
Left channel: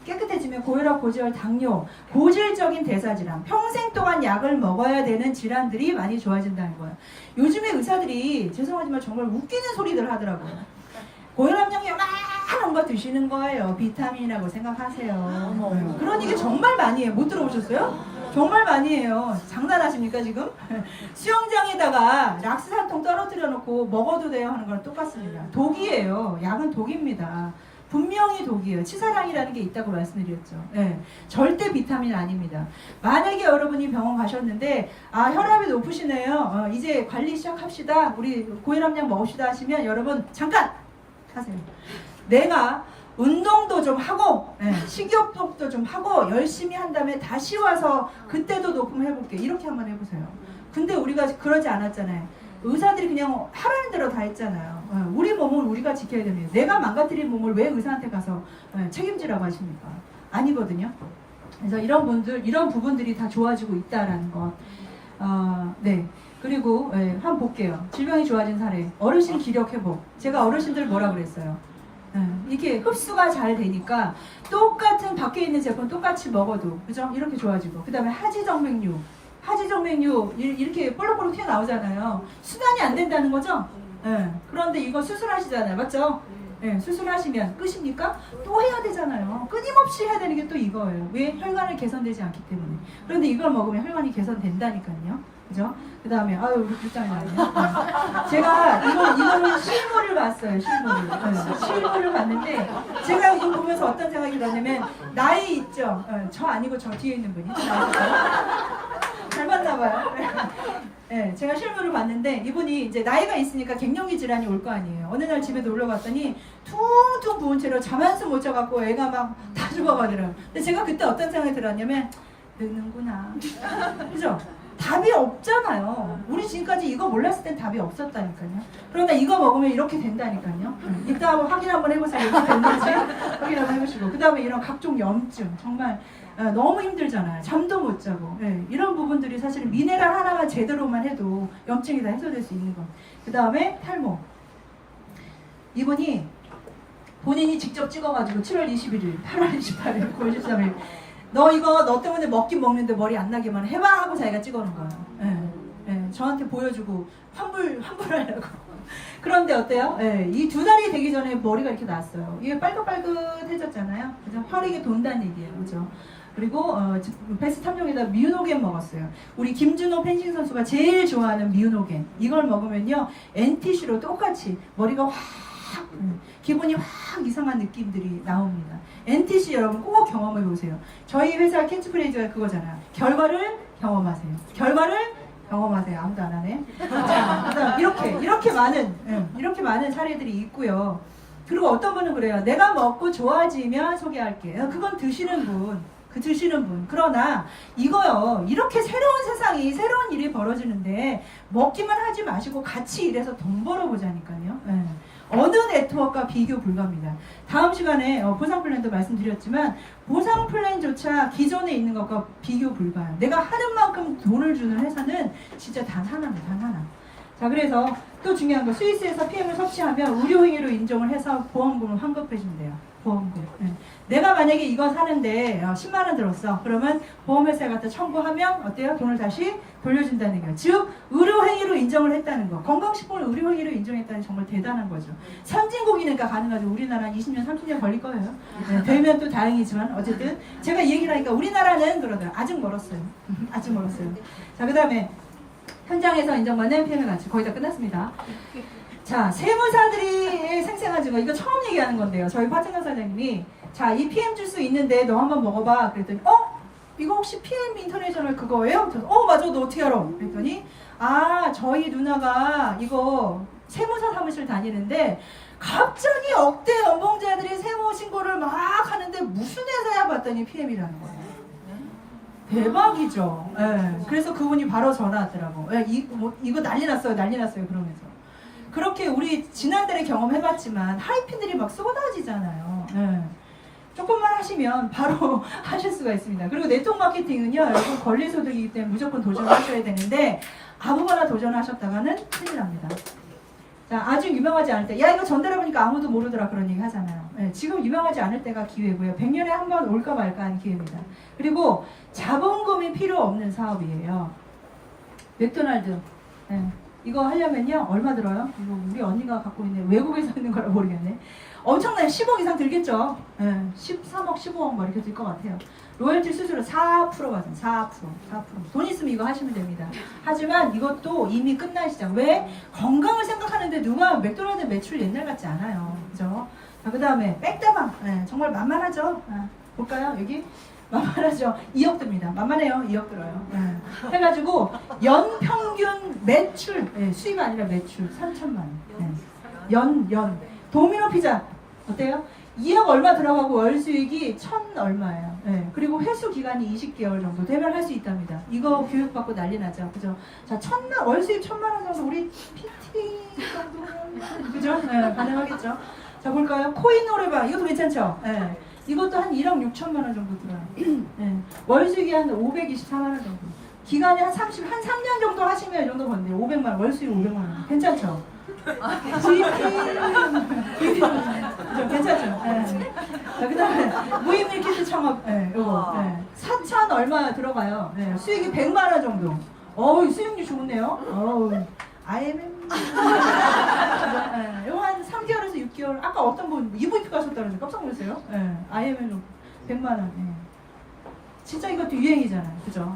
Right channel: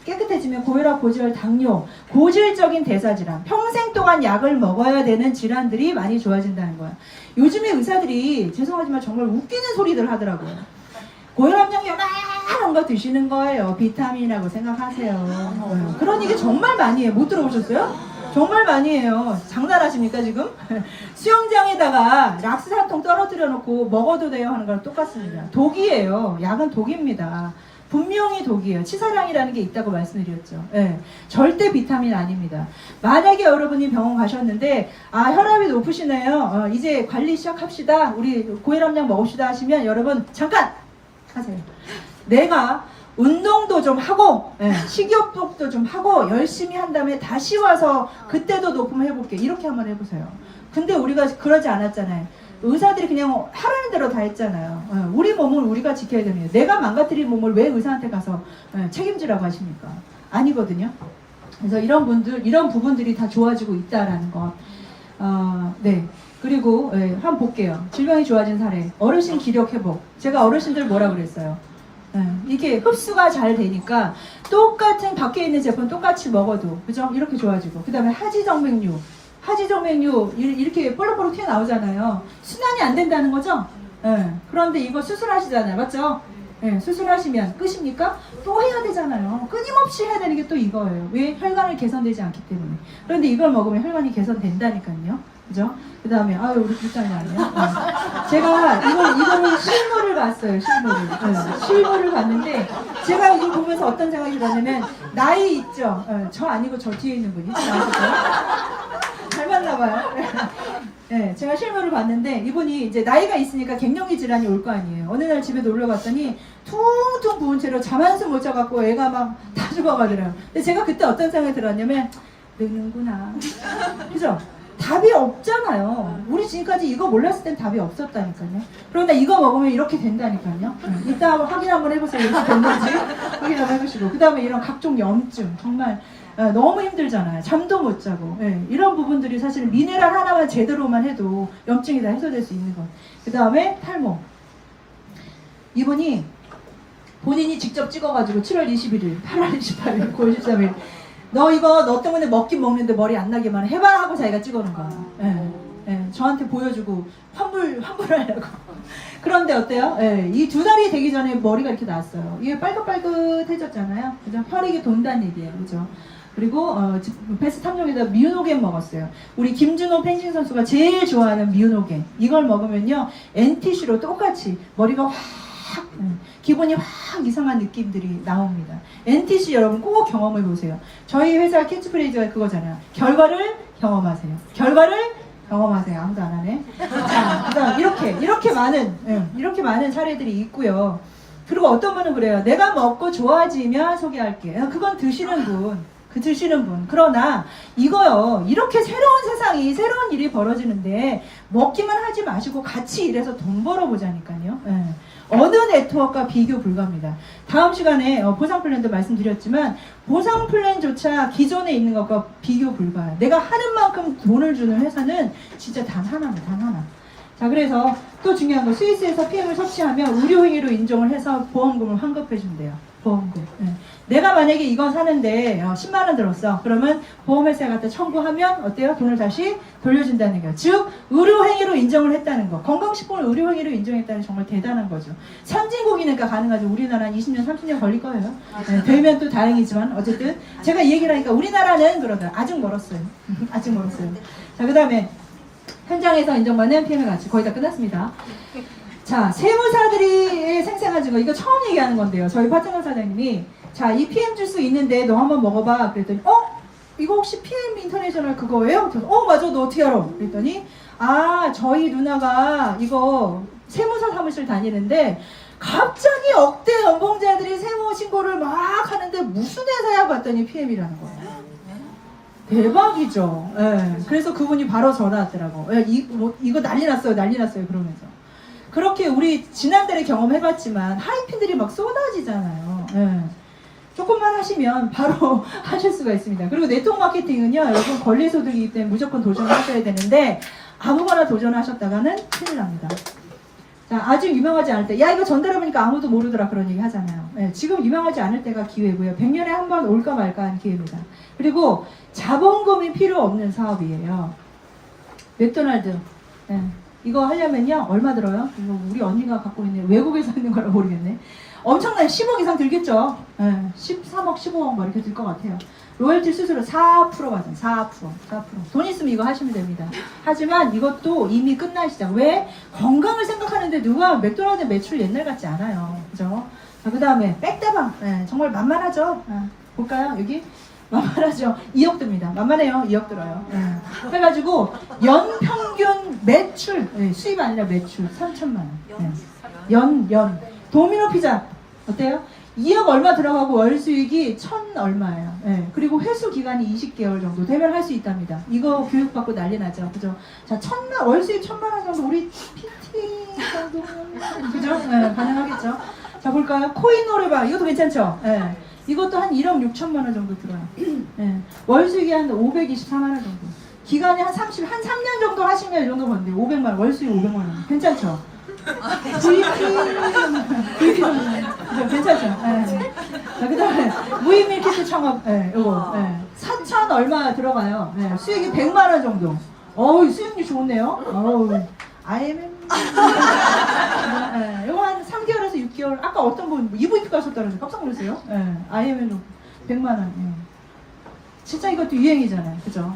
깨끗해지면 고혈압, 고지혈, 당뇨, 고질적인 대사질환, 평생 동안 약을 먹어야 되는 질환들이 많이 좋아진다는 거예요. 요즘에 의사들이 죄송하지만 정말 웃기는 소리들 하더라고요. 고혈압약 요만한 거 드시는 거예요. 비타민이라고 생각하세요. 그런 얘기 정말 많이 해요. 못 들어보셨어요? 정말 많이 해요. 장난하십니까 지금? 수영장에다가 락스 한 통 떨어뜨려 놓고 먹어도 돼요 하는 거랑 똑같습니다. 독이에요. 약은 독입니다. 분명히 독이에요. 치사량이라는 게 있다고 말씀드렸죠. 네, 절대 비타민 아닙니다. 만약에 여러분이 병원 가셨는데 혈압이 높으시네요. 이제 관리 시작합시다. 우리 고혈압약 먹읍시다 하시면 여러분 잠깐 하세요. 내가 운동도 좀 하고 식이요법도 좀 하고 열심히 한 다음에 다시 와서 그때도 높으면 해볼게. 이렇게 한번 해보세요. 근데 우리가 그러지 않았잖아요. 의사들이 그냥 하라는 대로 다 했잖아요. 우리 몸을 우리가 지켜야 됩니다. 내가 망가뜨린 몸을 왜 의사한테 가서 책임지라고 하십니까? 아니거든요. 그래서 이런 부분들이 다 좋아지고 있다라는 것. 네. 그리고 한번 볼게요. 질병이 좋아진 사례. 어르신 기력 회복. 제가 어르신들 뭐라 그랬어요? 이게 흡수가 잘 되니까 똑같은 밖에 있는 제품 똑같이 먹어도 그죠? 이렇게 좋아지고, 그 다음에 하지정맥류 이렇게 볼록볼록 튀어나오잖아요. 순환이 안 된다는 거죠? 그런데 이거 수술하시잖아요. 맞죠? 수술하시면 끝입니까? 또 해야 되잖아요. 끊임없이 해야 되는 게 또 이거예요. 왜? 혈관을 개선되지 않기 때문에. 그런데 이걸 먹으면 혈관이 개선된다니까요. 그죠? 그 다음에 우리 불장난 아니에요? 제가 이거는 실물을 봤어요. 실물을 봤는데 제가 이거 보면서 어떤 생각이 들었냐면 나이 있죠? 저 아니고 저 뒤에 있는 분이 잘 봤나봐요. 네, 제가 실물을 봤는데 이분이 이제 나이가 있으니까 갱년기 질환이 올 거 아니에요. 어느 날 집에 놀러 갔더니 퉁퉁 부은 채로 잠 한숨 못 자갖고 애가 막 다 죽어가더라고요. 근데 제가 그때 어떤 생각이 들었냐면 늙는구나. 그죠? 답이 없잖아요. 우리 지금까지 이거 몰랐을 땐 답이 없었다니까요. 그런데 이거 먹으면 이렇게 된다니까요. 이따 확인 한번 해보세요. 이렇게 됐는지 확인 한번 해보시고, 그 다음에 이런 각종 염증 정말 너무 힘들잖아요. 잠도 못 자고. 이런 부분들이 사실 미네랄 하나만 제대로만 해도 염증이 다 해소될 수 있는 것. 그 다음에 탈모. 이분이 본인이 직접 찍어가지고 7월 21일, 8월 28일, 9월 13일 너 때문에 먹긴 먹는데 머리 안 나게만 해봐 하고 자기가 찍어놓은 거야. 저한테 보여주고 환불하려고. 그런데 어때요? 이 2달이 되기 전에 머리가 이렇게 났어요. 이게 빨긋빨긋해졌잖아요. 그죠? 혈액이 돈다는 얘기예요. 그죠? 그리고 베스트 3종에다 미우노겐 먹었어요. 우리 김준호 펜싱 선수가 제일 좋아하는 미우노겐. 이걸 먹으면요 NTC로 똑같이 머리가 확 기분이 확 이상한 느낌들이 나옵니다. NTC 여러분 꼭 경험해 보세요. 저희 회사 캐치프레이즈가 그거잖아요. 결과를 경험하세요. 결과를 경험하세요. 아무도 안 하네. 자, 그다음 이렇게 많은 사례들이 있고요. 그리고 어떤 분은 그래요. 내가 먹고 좋아지면 소개할게요. 그건 드시는 분. 드시는 분. 그러나 이거요. 이렇게 새로운 세상이 새로운 일이 벌어지는데 먹기만 하지 마시고 같이 일해서 돈 벌어보자니까요. 예. 어느 네트워크와 비교 불가합니다. 다음 시간에 보상 플랜도 말씀드렸지만 보상 플랜조차 기존에 있는 것과 비교 불가해요. 내가 하는 만큼 돈을 주는 회사는 진짜 단 하나입니다. 단 하나. 자, 그래서 또 중요한 건 스위스에서 PM을 섭취하면 의료행위로 인정을 해서 보험금을 환급해 준대요. 보험금. 네. 내가 만약에 이거 사는데 10만 원 들었어. 그러면 보험회사에 갖다 청구하면 어때요? 돈을 다시 돌려준다는 거예요. 즉 의료행위로 인정을 했다는 거. 건강식품을 의료행위로 인정했다는 게 정말 대단한 거죠. 선진국이니까 가능하죠. 우리나라는 20년, 30년 걸릴 거예요. 네, 되면 또 다행이지만 어쨌든 제가 이 얘기를 하니까 우리나라는 그러더라. 아직 멀었어요. 아직 멀었어요. 자, 그 다음에 현장에서 인정받는 PM의 가치 거의 다 끝났습니다. 자, 세무사들이 생생하지고 이거 처음 얘기하는 건데요. 저희 파트너 사장님이 자, 이 PM 주스 있는데 너 한번 먹어봐. 그랬더니 이거 혹시 PM 인터내셔널 그거예요? 그래서 맞아. 너 어떻게 알아? 그랬더니 저희 누나가 이거 세무사 사무실 다니는데 갑자기 억대 연봉자들이 세무 신고를 막 하는데 무슨 회사야 봤더니 PM이라는 거예요. 대박이죠. 예. 그래서 그분이 바로 전화하더라고. 예, 이거 난리 났어요. 그러면서. 그렇게 우리 지난달에 경험해봤지만 하이핀들이 막 쏟아지잖아요. 예. 조금만 하시면 바로 하실 수가 있습니다. 그리고 네트워크 마케팅은요, 여러분 권리소득이기 때문에 무조건 도전하셔야 되는데 아무거나 도전하셨다가는 큰일 납니다. 자, 아주 유명하지 않을 때, 야 이거 전달해보니까 아무도 모르더라 그런 얘기 하잖아요. 예, 지금 유명하지 않을 때가 기회고요. 100년에 한 번 올까 말까 하는 기회입니다. 그리고 자본금이 필요 없는 사업이에요. 맥도날드. 예, 이거 하려면요 얼마 들어요? 이거 우리 언니가 갖고 있는 외국에서 있는 거라 모르겠네. 엄청나게 10억 이상 들겠죠. 예, 13억, 15억 뭐 이렇게 들 것 같아요. 로열티 수수료 4% 받아요. 4%. 돈 있으면 이거 하시면 됩니다. 하지만 이것도 이미 끝날 시작. 왜? 건강을 생각하는데 누가 맥도날드 매출 옛날 같지 않아요. 그죠? 자, 그 다음에 백다방. 예, 정말 만만하죠? 볼까요? 여기? 만만하죠? 2억 듭니다. 만만해요. 2억 들어요. 예. 해가지고 연평균 매출, 수입 아니라 매출 3천만 원. 연. 도미노 피자 어때요? 2억 얼마 들어가고 월 수익이 1,000 얼마예요. 예. 그리고 회수 기간이 20개월 정도 되면 할 수 있답니다. 이거 교육받고 난리 나죠. 그죠? 자, 월 수익 1,000만 원 정도 우리 PT 정도면 그죠? 예, 가능하겠죠? 자, 볼까요? 코인 노래방 이것도 괜찮죠? 예. 이것도 한 1억 6천만 원 정도 들어요. 예. 월 수익이 한 524만 원 정도. 기간이 한 3년 정도 하시면 이 정도 버는데 500만 원, 월 수익 500만 원. 괜찮죠? 괜찮죠? 자, 그 다음에 무인 밀키트 창업, 요거, 4천 얼마 들어가요. 수익이 100만 원 정도. 수익률 좋네요. IMM. 요거 한 3개월에서 6개월. 아까 어떤 분 EVP 가셨다는데 깜짝 놀랐어요. IMM으로 100만 원. 진짜 이것도 유행이잖아요. 그죠?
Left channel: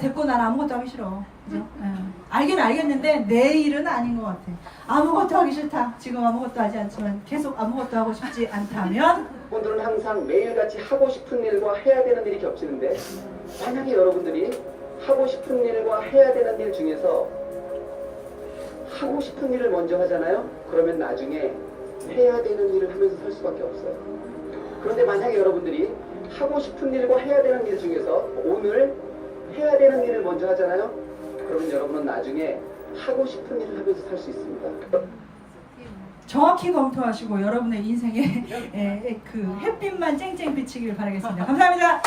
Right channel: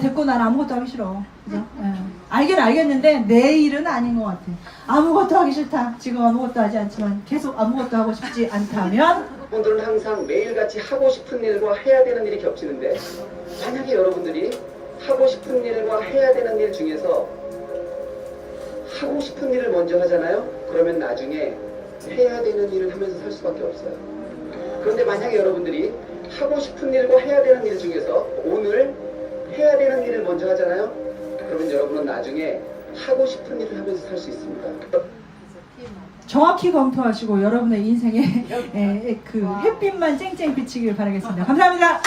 됐고 난 아무것도 하기 싫어. 그죠? 알긴 알겠는데 내 일은 아닌 것 같아. 아무것도 하기 싫다. 지금 아무것도 하지 않지만 계속 아무것도 하고 싶지 않다면 분들은 항상 매일같이 하고 싶은 일과 해야 되는 일이 겹치는데 만약에 여러분들이 하고 싶은 일과 해야 되는 일 중에서 하고 싶은 일을 먼저 하잖아요. 그러면 나중에 해야 되는 일을 하면서 살 수밖에 없어요. 그런데 만약에 여러분들이 하고 싶은 일과 해야 되는 일 중에서 오늘 해야 되는 일을 먼저 하잖아요. 그러면 여러분은 나중에 하고 싶은 일을 하면서 살 수 있습니다. 정확히 검토하시고 여러분의 인생에 그 햇빛만 쨍쨍 비치길 바라겠습니다. 감사합니다.